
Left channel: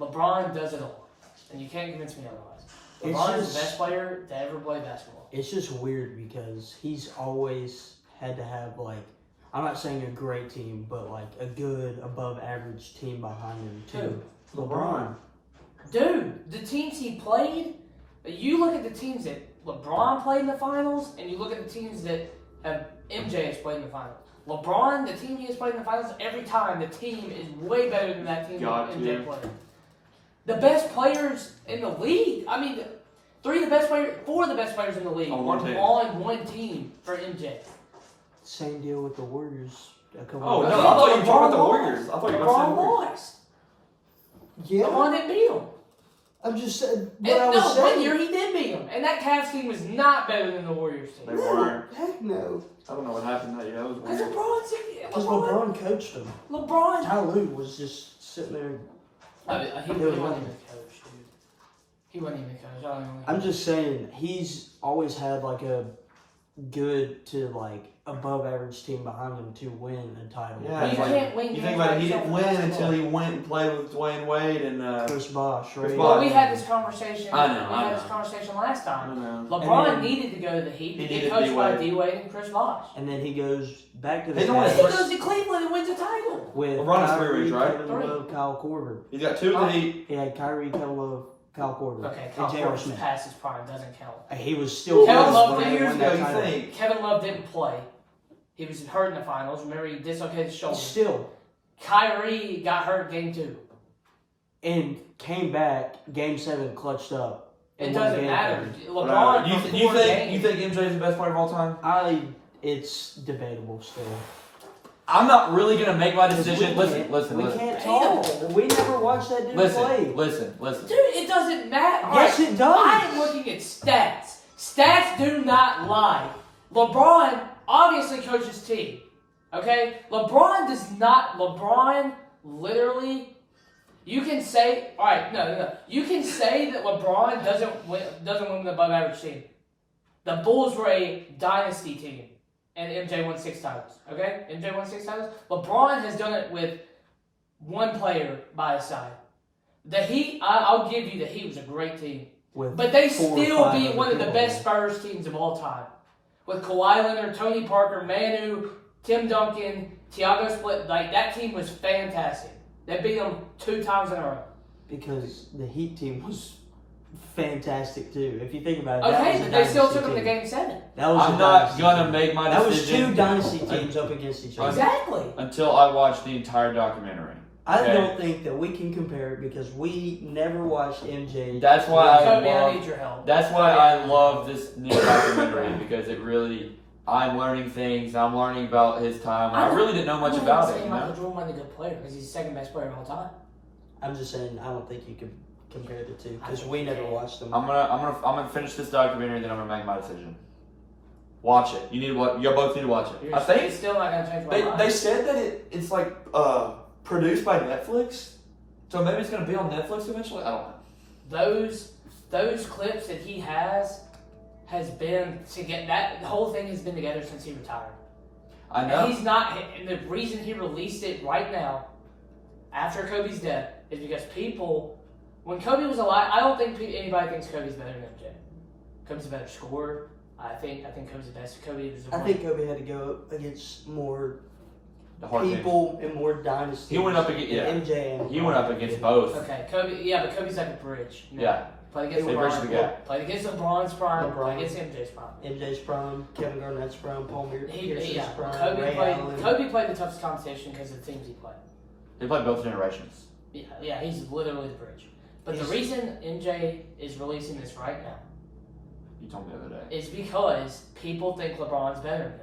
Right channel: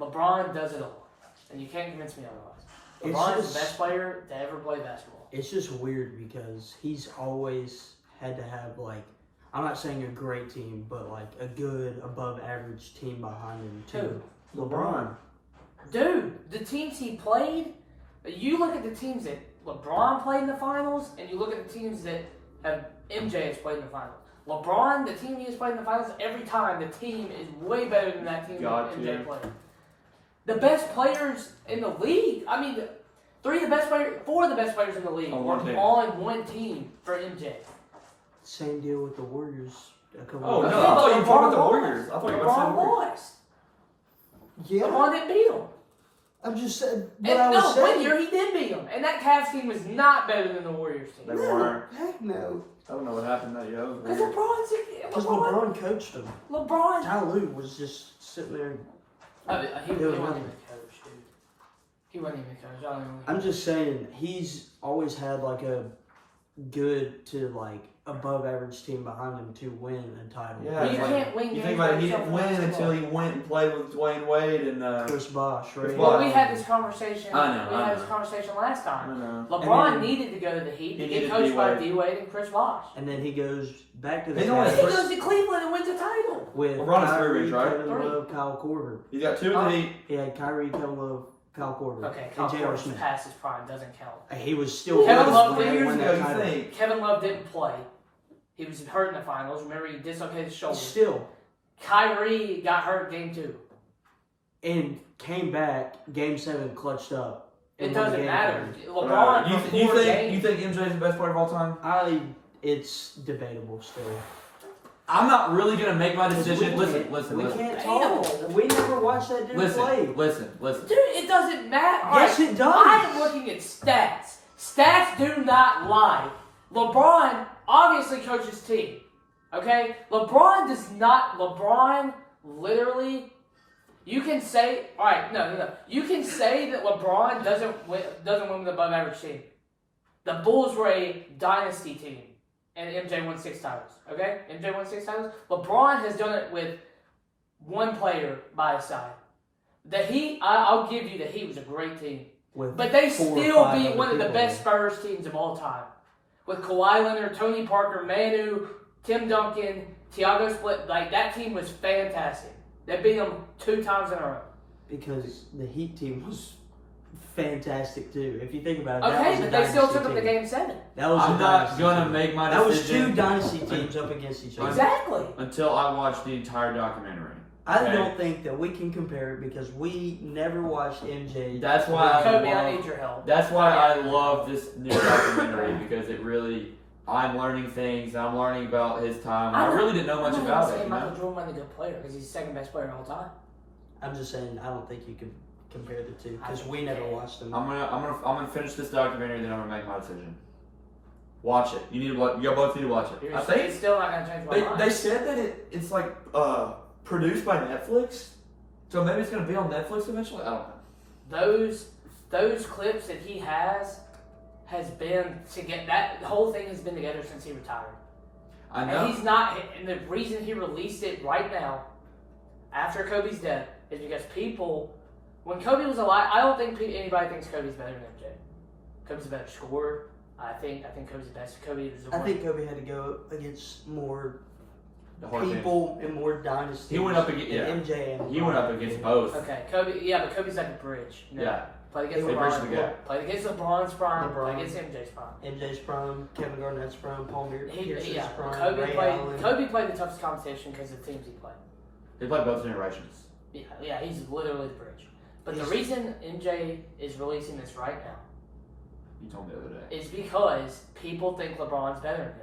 LeBron does it all, and you can't convince me otherwise. LeBron is the best player to ever play basketball. It's just weird because he's always had to have, like, I'm not saying a great team, but like a good, above average team behind him too. LeBron. Dude, the teams he played, you look at the teams that LeBron played in the finals, and you look at the teams that have MJ has played in the finals. LeBron, the team he has played in the finals, every time the team is way better than that team that MJ played. The best players in the league, I mean, four of the best players in the league On were one team. on one team for MJ. Same deal with the Warriors. Oh, no, I Yeah, thought you were talking about the LeBron Warriors. I thought you were LeBron saying the Warriors. lost. Yeah, LeBron didn't beat him. I'm just saying what And I was saying. one year he did beat him, and that Cavs team was not better than the Warriors team. They weren't. Heck no. I don't know what happened that year. That was Because weird. Because LeBron coached him. LeBron. Ty Lue was just sitting there. He wasn't even a coach, dude. He wasn't even a coach. I don't even know. I'm just saying he's always had like a good to like above average team behind him to win a title. Yeah, You it's like- can't win You games think about by it, he yourself didn't in win basketball. until he went and played with Dwayne Wade and Chris Bosh, right? Chris Well, Bosh. we had this conversation. I know, We I had know. this conversation last I time. don't know. LeBron And then- needed to go to the Heat He to needed get coached by D-Wade. D-Wade and Chris Bosh. And then he goes back to the They don't And have he Cavs goes to Cleveland and wins a title. with LeBron has three Kyrie, rings, right? Kevin Love, Kyle Korver. He's got two in the Heat. He had Kyrie, Kevin Love, Kyle Korver, Okay, and Kyle J.R. Korver's Smith. past his prime doesn't count. He was still Kevin good Love when did they years won ago, that you title. think? Kevin Love didn't play. He was hurt in the finals. Remember, he dislocated his shoulder. Still, Kyrie got hurt game 2. and came back, Game 7 clutched up. It and won the doesn't game matter. for him. LeBron you, for you 4 think games. you think MJ is the best player of all time? It's debatable still. I'm not really gonna make my decision. Listen. We can't talk. We never watched that dude play. Listen. Dude, it doesn't matter. Yes, it does. I am looking at stats. Stats do not lie. LeBron obviously coaches his team. Okay? LeBron literally, you can say, alright, no. You can say that LeBron doesn't win with an above average team. The Bulls were a dynasty team. And MJ won 6 titles. Okay? MJ won 6 titles. LeBron has done it with one player by his side. The Heat, I'll give you the Heat was a great team. But they still beat one of the best Spurs teams of all time. With Kawhi Leonard, Tony Parker, Manu, Tim Duncan, Thiago Split. Like, that team was fantastic. They beat them 2 times in a row. Because the Heat team was fantastic too. If you think about it, Okay, but they still took them to Game 7. That was I'm a not dynasty gonna team. make my That was decision 2 dynasty teams up against each other. Exactly. until I watch the entire documentary. I Okay. don't think that we can compare it because we never watched MJ. That's why I Kobe, I love. need your help. That's why I love this new documentary because it really. I'm learning things. I'm learning about his time. I really didn't know much about it. You Michael know? Jordan wasn't a good player because he's the second best player of all time. I'm just saying, I don't think you can compare the two I because think we you never can. watched them. I'm gonna finish this documentary, then I'm gonna make my decision. Watch it. You both need to watch it. I It's think still not going to change my mind. they said that it's like produced by Netflix, so maybe it's gonna be on Netflix eventually. I don't know. Those clips that he has been to get that the whole thing has been together since he retired. I know. And he's not. And the reason he released it right now, after Kobe's death, is because people, when Kobe was alive, I don't think anybody thinks Kobe's better than MJ. Kobe's a better scorer. I think Kobe's the best. Kobe was the I one. think Kobe had to go against more The hard people and more dynasties. He went up against MJ and He went up against both. Okay, Kobe. Yeah, but Kobe's like a bridge. You know? Yeah. Played against They bridged the LeBron. gap. Played against LeBron's prime. LeBron. Played against MJ's prime. MJ's prime, Kevin Garnett's prime, Paul Pierce's Yeah, prime, Kobe Ray played. Allen. Kobe played the toughest competition because of the teams he played. They played both generations. Yeah, he's literally the bridge. But the He's- reason MJ is releasing this right now You told me the other day. is because people think LeBron's better than him.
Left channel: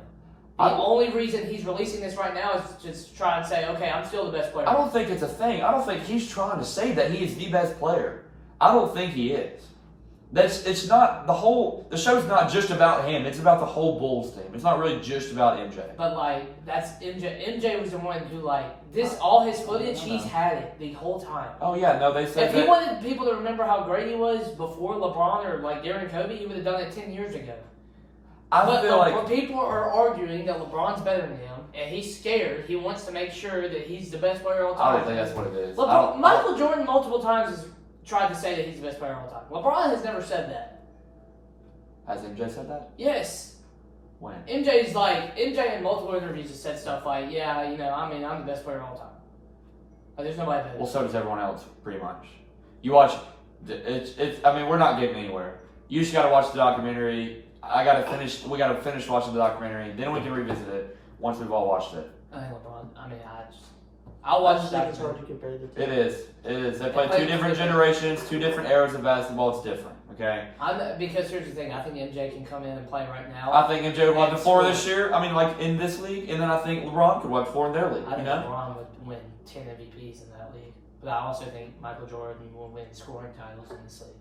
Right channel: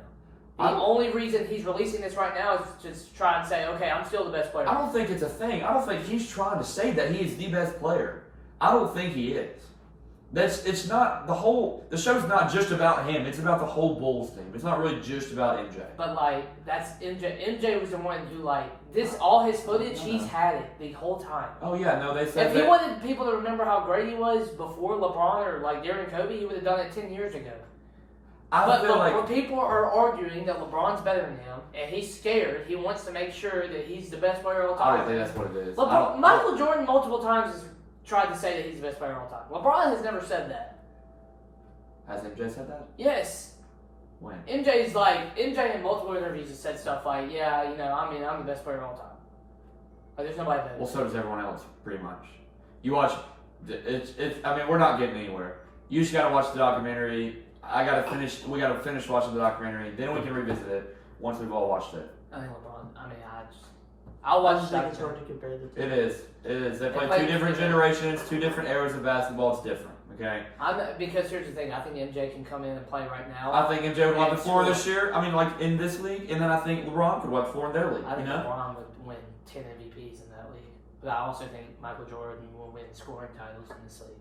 The only reason he's releasing this right now is just to try and say, okay, I'm still the best player. I don't think it's a thing. I don't think he's trying to say that he is the best player. I don't think he is. It's not the show's not just about him. It's about the whole Bulls team. It's not really just about MJ. But like that's MJ. MJ was the one who all his footage. He's had it the whole time. Oh yeah, no, they said If he wanted people to remember how great he was before LeBron or during Kobe, he would have done it 10 years ago. But when people are arguing that LeBron's better than him, and he's scared, he wants to make sure that he's the best player of all time. I don't think that's what it is. Michael Jordan multiple times has tried to say that he's the best player of all time. LeBron has never said that. Has MJ said that? Yes. When? MJ in multiple interviews has said stuff like, yeah, I'm the best player of all time. There's nobody better. Well, so does everyone else, pretty much. You watch, we're not getting anywhere. You just got to watch the documentary. We got to finish watching the documentary, then we can revisit it once we've all watched it. I think LeBron, I'll watch think it's hard to compare the two. It is. They play two different generations, two different eras of basketball. It's different, okay? Because here's the thing, I think MJ can come in and play right now. I think MJ would wipe the floor this year. In this league, and then I think LeBron could wipe the floor in their league. I think LeBron would win 10 MVPs in that league. But I also think Michael Jordan will win scoring titles in this league.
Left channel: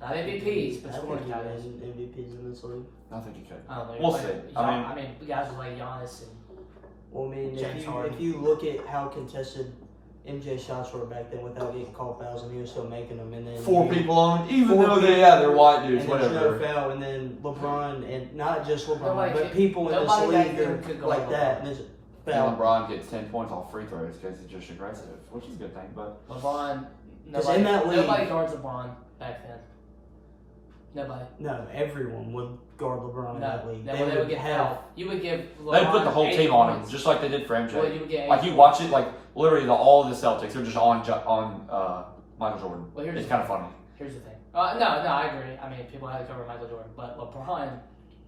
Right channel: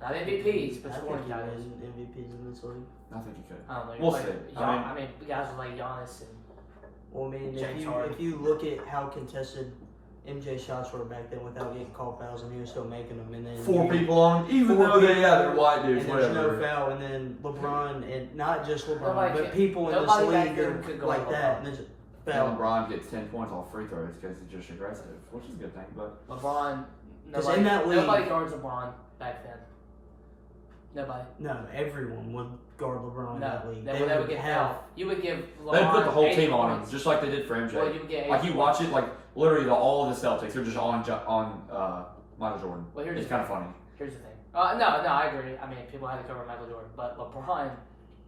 Not MVPs, but scoring titles. MVPs in this league. I think he could. I don't know. We'll see. Guys like Giannis and if you look at how contested MJ shots were back then without getting called fouls, and he was still making them, and then four people on him, even though they're white dudes, and whatever. There's no foul, and then LeBron, and not just LeBron, Nobody people in this league are like that. And LeBron gets 10 points off free throws because he's just aggressive, which is a good thing. But LeBron, nobody guards LeBron back then. Nobody. No, everyone would guard LeBron in that league. They would get fouled. You would give LeBron they'd put the whole team on him, points. just like they did for MJ. Well, you would get you watch it, literally all of the Celtics are just on Michael Jordan. Well, it's kind of funny. Here's the thing. No, I agree. People had to cover Michael Jordan, but LeBron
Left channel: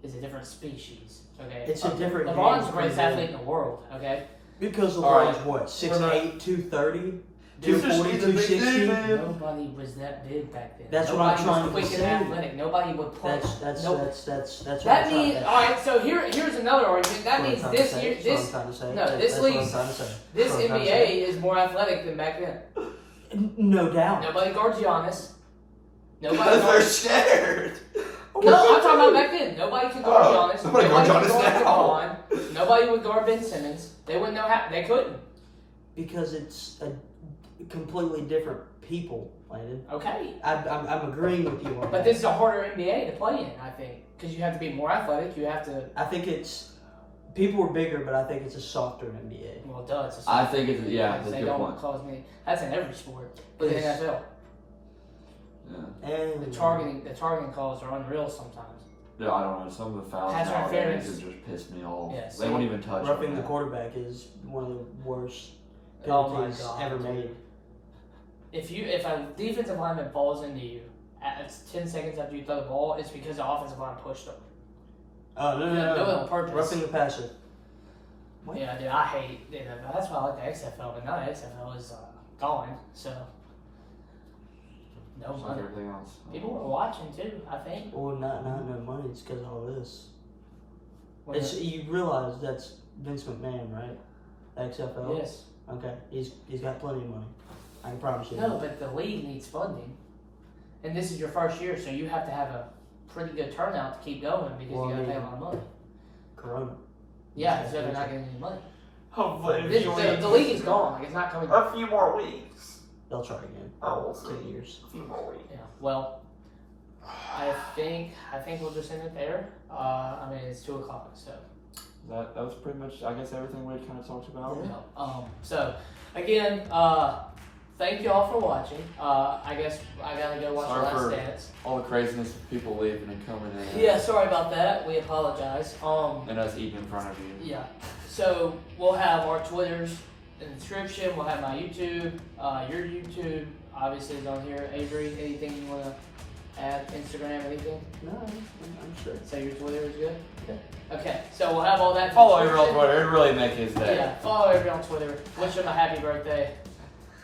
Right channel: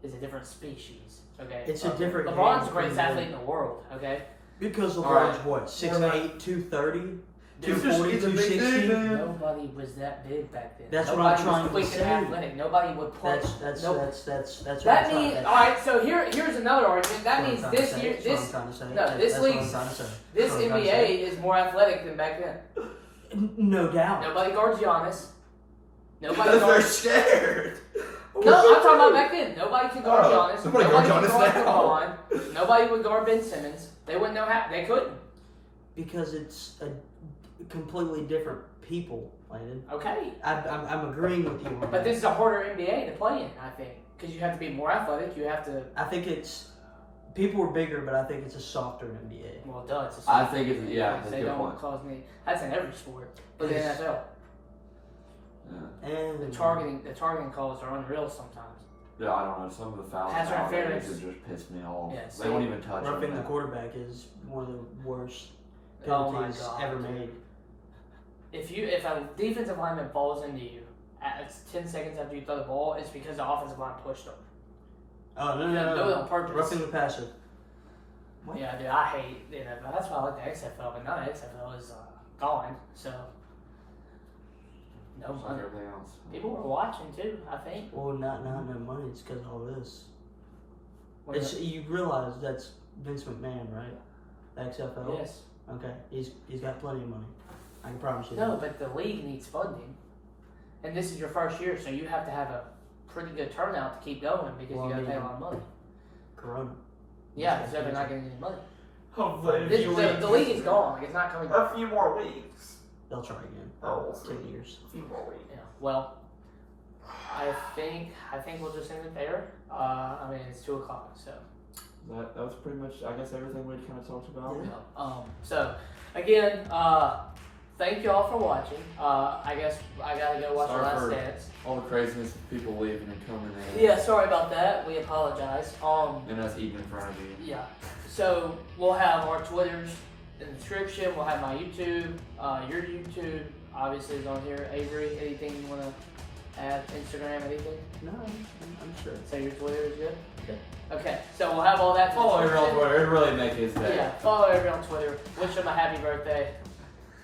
is a different species. Okay. It's a different. LeBron's the greatest athlete in the world. Okay. Because LeBron's what 6'8", 230. 240, 260. Nobody was that big back then. That's Nobody what I'm trying was to say. Athletic. Nobody would play. That's that means all right. So here's another argument. That means this year, this NBA is more athletic than back then. No doubt. Nobody guards Giannis. Nobody Because guards. they're scared. No, I'm talking about back then. Nobody could guard Giannis. Nobody Nobody guard could Giannis guard LeBron. Nobody would guard Ben Simmons. They wouldn't know how. They couldn't. Because it's a completely different people, Landon. Okay. I'm agreeing with you on that. But this is a harder NBA to play in, I think, because you have to be more athletic. You have to. I think people are bigger, but I think it's a softer NBA. Well, duh, it's a I think it's that's a they good don't point. cause me. That's in every sport, but in the NFL, And the targeting calls are unreal sometimes. Yeah, I don't know. Some of the fouls Pass nowadays interference. just piss me off. Yes. They won't even touch roughing him. the quarterback is one of the worst Oh my penalties God. ever made. If a defensive lineman falls into you at 10 seconds after you throw the ball, it's because the offensive line pushed them. Oh no! Do it on purpose. Roughing the passer. What? Yeah, dude, I hate NFL. That's why I like the XFL, but now the XFL is gone, so no Just like money. everything else. People were watching too, I think. Well, not no money. It's because of all this. When You realize that's Vince McMahon, right? XFL. yes. Okay. He's got plenty of money. I can promise you. No, that. but the league needs funding, and this is your first year, so you have to have a pretty good turnout to keep going because you got to pay a lot of money. Corona. Yeah, so they're not getting any money. Hopefully, The league is gone. Like, it's not coming back. a few more weeks. They'll try again. Oh, we'll see. 10 years. A few more weeks. Yeah. Well, I think we'll just end it there. It's 2:00, so. That was pretty much, I guess, everything we kind of talked about. Yeah. So again, thank you all for watching. I guess I gotta go watch Sorry the Last for- Dance. All the craziness of people leaving and coming in. Yeah, sorry about that. We apologize. And us eating in front of you. Yeah. So we'll have our Twitters in the description. We'll have my YouTube. Your YouTube obviously is on here. Avery, anything you wanna add? Instagram, anything? No, I'm sure. So your Twitter is good. Okay. Okay. So we'll have all that. in the Follow Avery on description. Twitter. It really make his day. Yeah, follow Avery on Twitter. Wish him a happy birthday.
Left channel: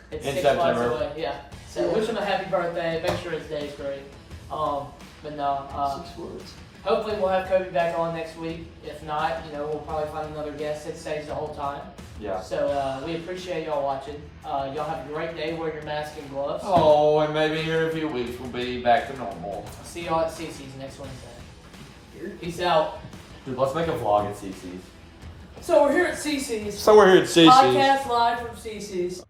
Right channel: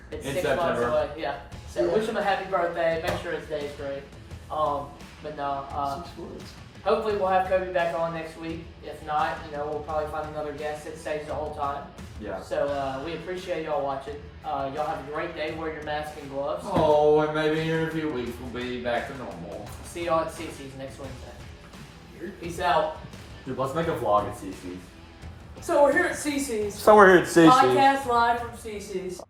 It's In 6 months September. away. Yeah. So wish him a happy birthday. Make sure his day is great. But no, 6 words. hopefully we'll have Kobe back on next week. If not, we'll probably find another guest that stays the whole time. Yeah. So we appreciate y'all watching. Y'all have a great day. Wear your mask and gloves. Oh, and maybe here in a few weeks we'll be back to normal. See y'all at CICI'S next Wednesday. Peace out. Dude, let's make a vlog at CC's. So we're here at CICI'S. So we're here at CC's. Podcast live from CICI'S.